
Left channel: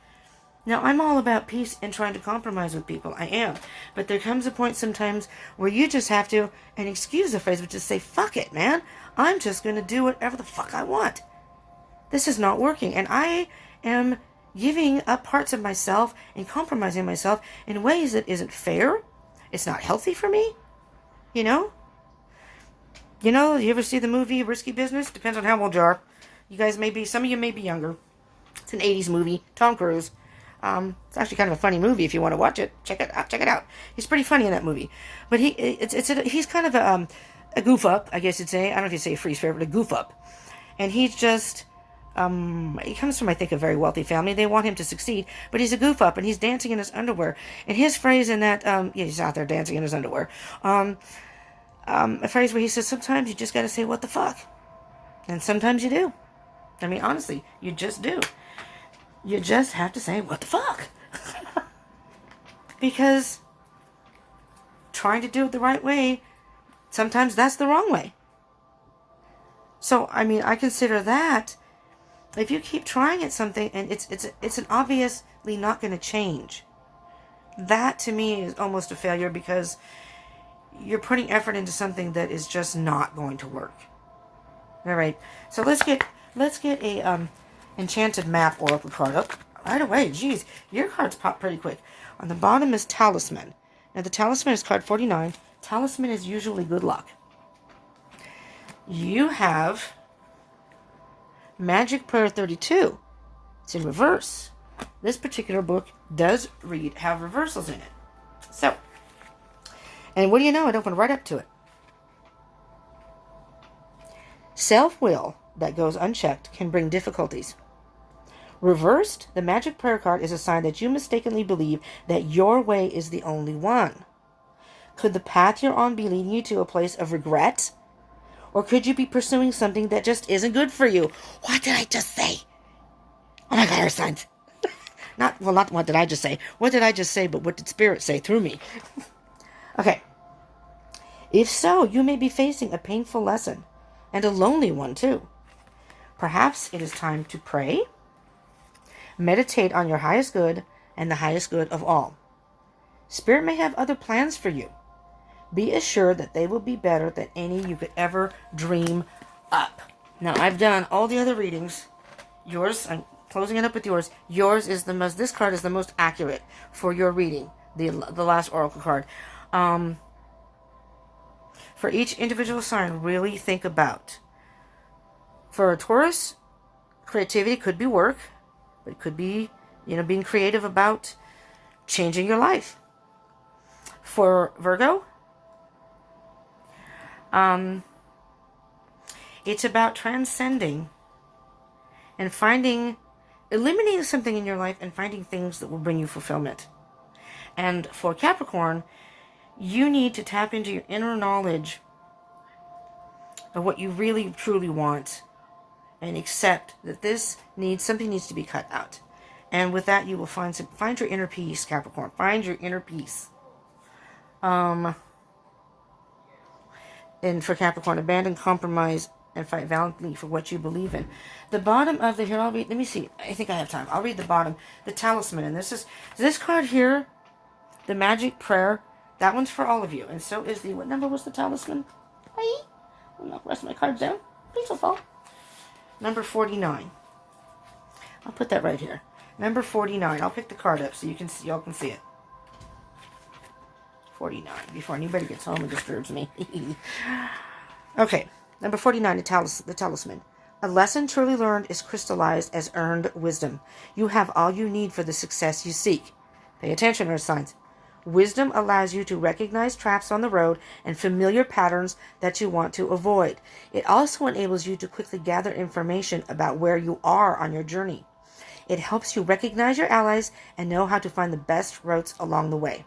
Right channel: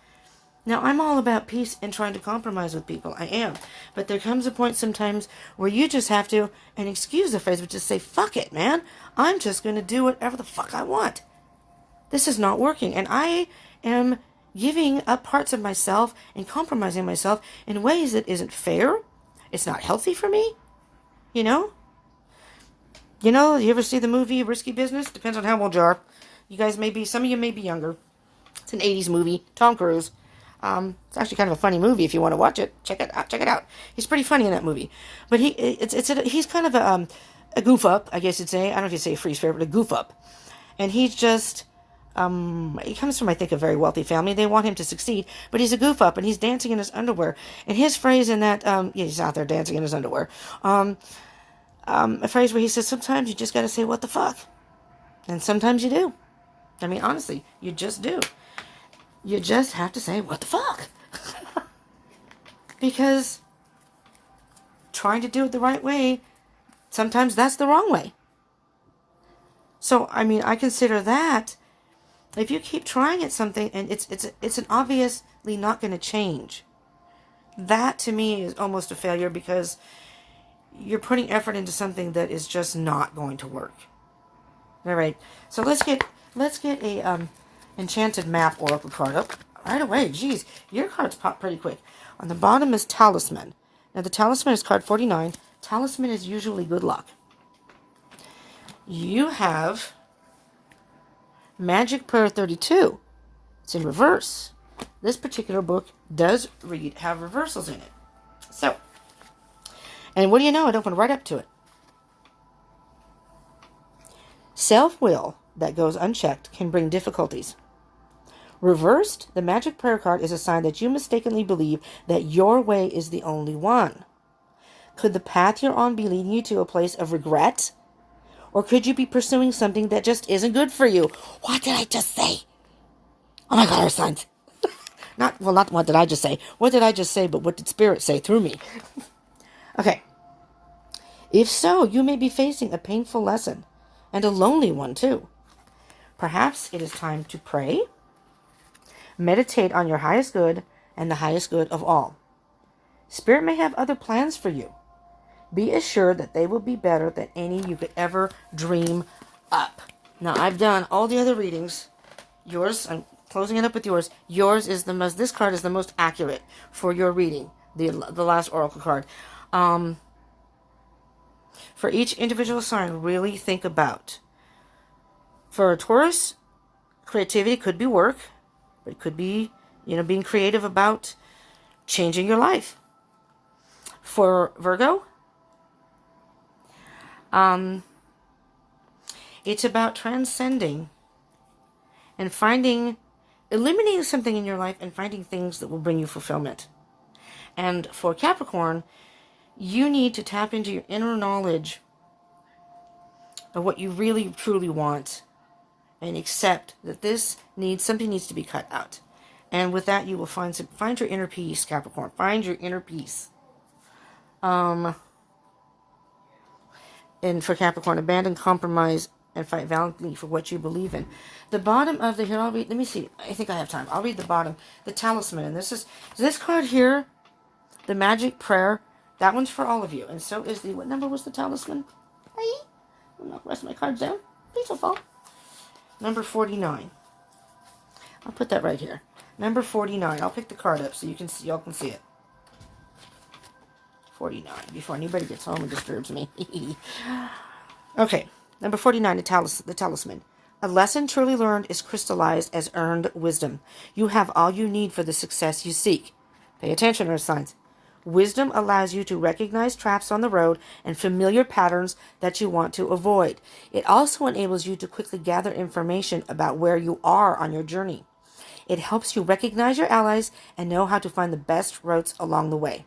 Now, I'm all about peace and trying to compromise with people. I am. But there comes a point sometimes where you just have to, and excuse the phrase, but just say, fuck it, man. I'm just going to do whatever the fuck I want. This is not working. And I am giving up parts of myself and compromising myself in ways that isn't fair. It's not healthy for me. You know? You ever see the movie Risky Business? Depends on how old you are. You guys may be, some of you may be younger. It's an 80s movie. Tom Cruise. It's actually kind of a funny movie if you want to watch it. Check it out. He's pretty funny in that movie. But he's kind of a goof up, I guess you'd say. I don't know if you'd say a free spirit, but a goof up. And he's just, he comes from, I think, a very wealthy family. They want him to succeed, but he's a goof up and he's dancing in his underwear. And his phrase in that, he's out there dancing in his underwear. A phrase where he says, sometimes you just got to say, what the fuck? And sometimes you do. I mean, honestly, you just do. You just have to say, what the fuck? Because trying to do it the right way, sometimes that's the wrong way. So, I mean, I consider that, if you keep trying at something and it's an obviously not going to change, that to me is almost a failure, because you're putting effort into something that is just not going to work. All right. So let's get a Enchanted Map Oracle card up right away. Jeez, your cards pop pretty quick. On the bottom is Talisman. Now the Talisman is card 49. Talisman is usually good luck. You have Magic Prayer 32. It's in reverse. This particular book does have reversals in it. So, and what do you know? It opened right up to it. Self-will that goes unchecked can bring difficulties. Reversed, the Magic Prayer card is a sign that you mistakenly believe that your way is the only one. Could the path you're on be leading you to a place of regret? Or could you be pursuing something that just isn't good for you? What did I just say? Oh my God, our signs. Not what did I just say. What did I just say, but what did Spirit say through me? Okay. If so, you may be facing a painful lesson, and a lonely one too. Perhaps it is time to pray, meditate on your highest good and the highest good of all. Spirit may have other plans for you. Be assured that they will be better than any you could ever dream up. Now, I've done all the other readings. Yours, I'm closing it up with yours. Yours is the most, this card is the most accurate for your reading, the last oracle card. For each individual sign, really think about. For a Taurus, creativity could be work. It could be, being creative about changing your life. For Virgo, it's about transcending and eliminating something in your life and finding things that will bring you fulfillment. And for Capricorn, you need to tap into your inner knowledge of what you really, truly want and accept that something needs to be cut out. And with that, you will find your inner peace, Capricorn. Find your inner peace. And for Capricorn, abandon compromise and fight valiantly for what you believe in. The bottom of here, let me see. I think I have time. I'll read the bottom. The talisman. And this card here, the magic prayer, that one's for all of you. And so is what number was the talisman? Hi. I'll knock the rest of my cards down. Please don't fall. Number 49. I'll put that right here. Number 49. I'll pick the card up so y'all can see it. 49. Before anybody gets home and disturbs me. Okay. Number 49, the talisman. A lesson truly learned is crystallized as earned wisdom. You have all you need for the success you seek. Pay attention, earth signs. Wisdom allows you to recognize traps on the road and familiar patterns that you want to avoid. It also enables you to quickly gather information about where you are on your journey. It helps you recognize your allies and know how to find the best routes along the way.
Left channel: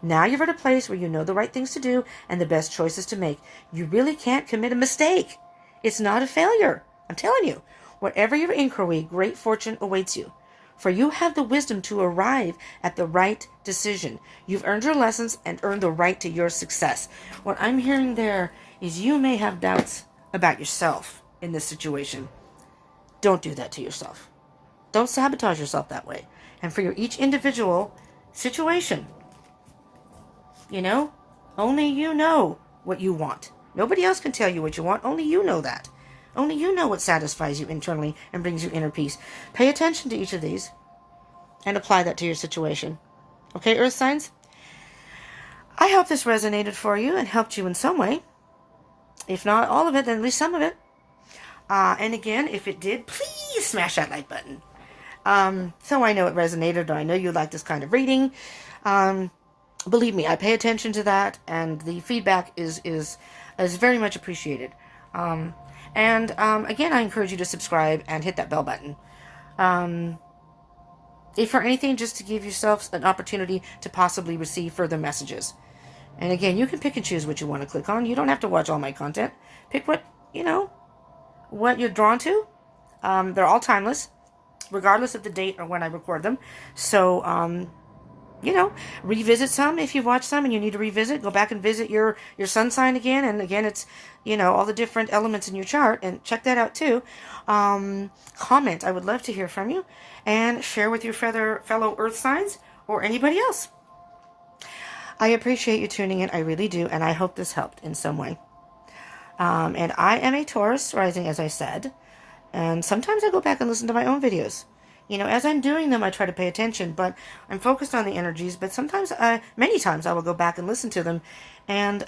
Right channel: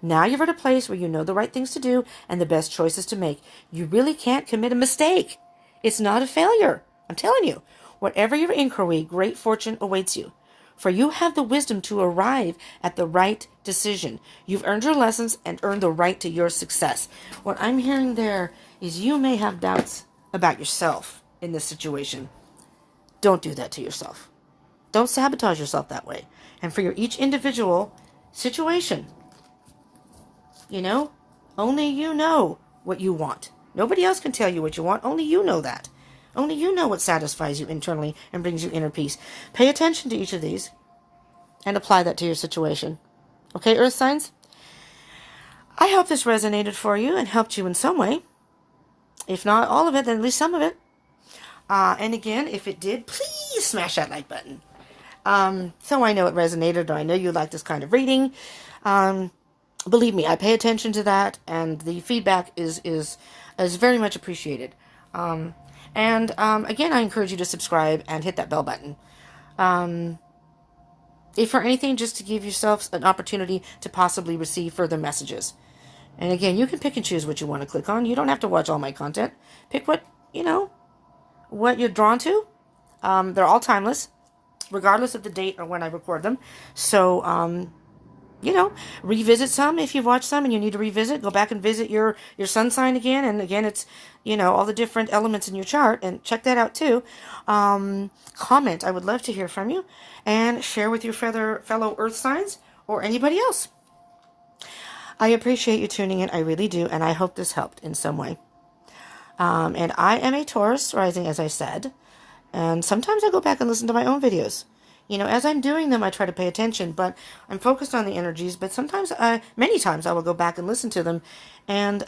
Now you're at a place where you know the right things to do and the best choices to make. You really can't commit a mistake. It's not a failure. I'm telling you, whatever your inquiry, great fortune awaits you. For you have the wisdom to arrive at the right decision. You've earned your lessons and earned the right to your success. What I'm hearing there is you may have doubts about yourself in this situation. Don't do that to yourself. Don't sabotage yourself that way. And for each individual situation, only you know what you want. Nobody else can tell you what you want. Only you know that. Only you know what satisfies you internally and brings you inner peace. Pay attention to each of these and apply that to your situation. Okay, earth signs? I hope this resonated for you and helped you in some way. If not all of it, then at least some of it. And again, if it did, please smash that like button. So I know it resonated, or I know you like this kind of reading. Believe me, I pay attention to that, and the feedback is very much appreciated. Again, I encourage you to subscribe and hit that bell button. If for anything, just to give yourself an opportunity to possibly receive further messages. And again, you can pick and choose what you want to click on. You don't have to watch all my content. Pick what you're drawn to. They're all timeless, regardless of the date or when I record them. So, revisit some if you've watched some and you need to revisit. Go back and visit your sun sign again. And again, it's, all the different elements in your chart. And check that out too. Comment. I would love to hear from you. And share with your fellow earth signs or anybody else. I appreciate you tuning in. I really do. And I hope this helped in some way. And I am a Taurus rising, as I said. And sometimes I go back and listen to my own videos. As I'm doing them, I try to pay attention, but I'm focused on the energies. But many times I will go back and listen to them. And,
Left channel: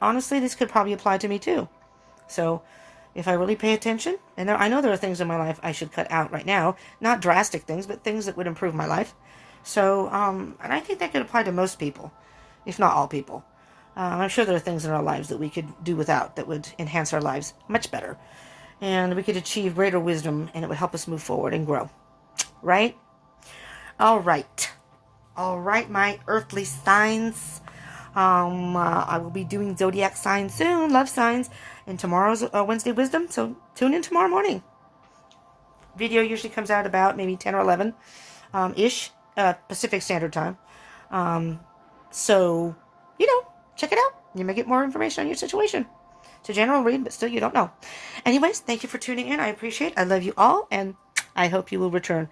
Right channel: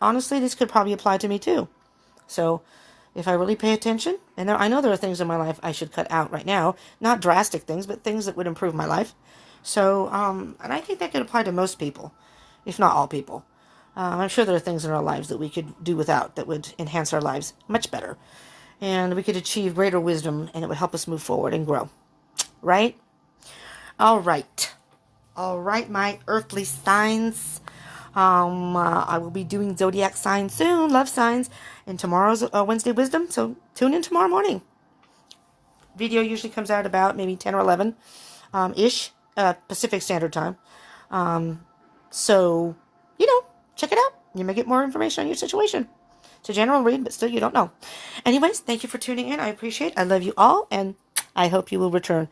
honestly, this could probably apply to me too. So if I really pay attention, and I know there are things in my life I should cut out right now, not drastic things, but things that would improve my life. So, and I think that could apply to most people, if not all people. I'm sure there are things in our lives that we could do without that would enhance our lives much better. And we could achieve greater wisdom, and it would help us move forward and grow. Right? All right. All right, my earthly signs. I will be doing zodiac signs soon, love signs. And tomorrow's Wednesday wisdom, so tune in tomorrow morning. Video usually comes out about maybe 10 or 11 ish Pacific Standard Time. So, check it out. You may get more information on your situation. It's a general read, but still you don't know. Anyways, thank you for tuning in. I appreciate it. I love you all, and I hope you will return.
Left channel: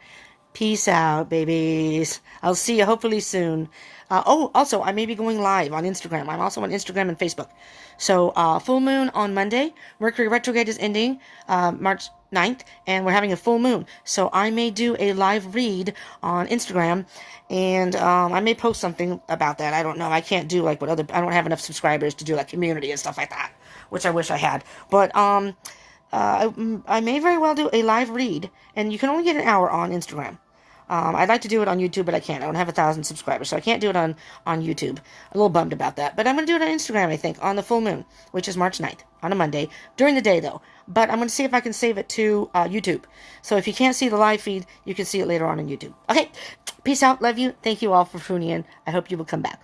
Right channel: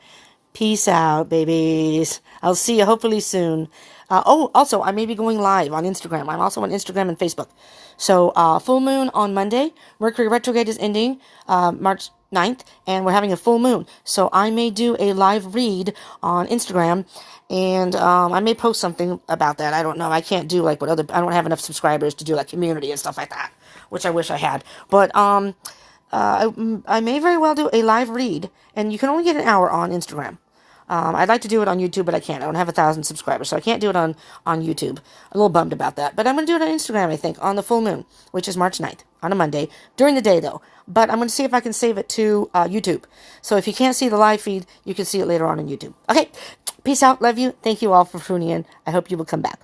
Peace out, babies. I'll see you hopefully soon. Also, I may be going live on Instagram. I'm also on Instagram and Facebook. So, full moon on Monday. Mercury retrograde is ending March 9th, and we're having a full moon. So, I may do a live read on Instagram, and I may post something about that. I don't know. I can't do like I don't have enough subscribers to do like community and stuff like that, which I wish I had. But, I may very well do a live read, and you can only get an hour on Instagram. I'd like to do it on YouTube, but I can't. I don't have 1,000 subscribers, so I can't do it on YouTube. A little bummed about that. But I'm going to do it on Instagram, I think, on the full moon, which is March 9th, on a Monday, during the day, though. But I'm going to see if I can save it to YouTube. So if you can't see the live feed, you can see it later on YouTube. Okay, peace out. Love you. Thank you all for tuning in. I hope you will come back.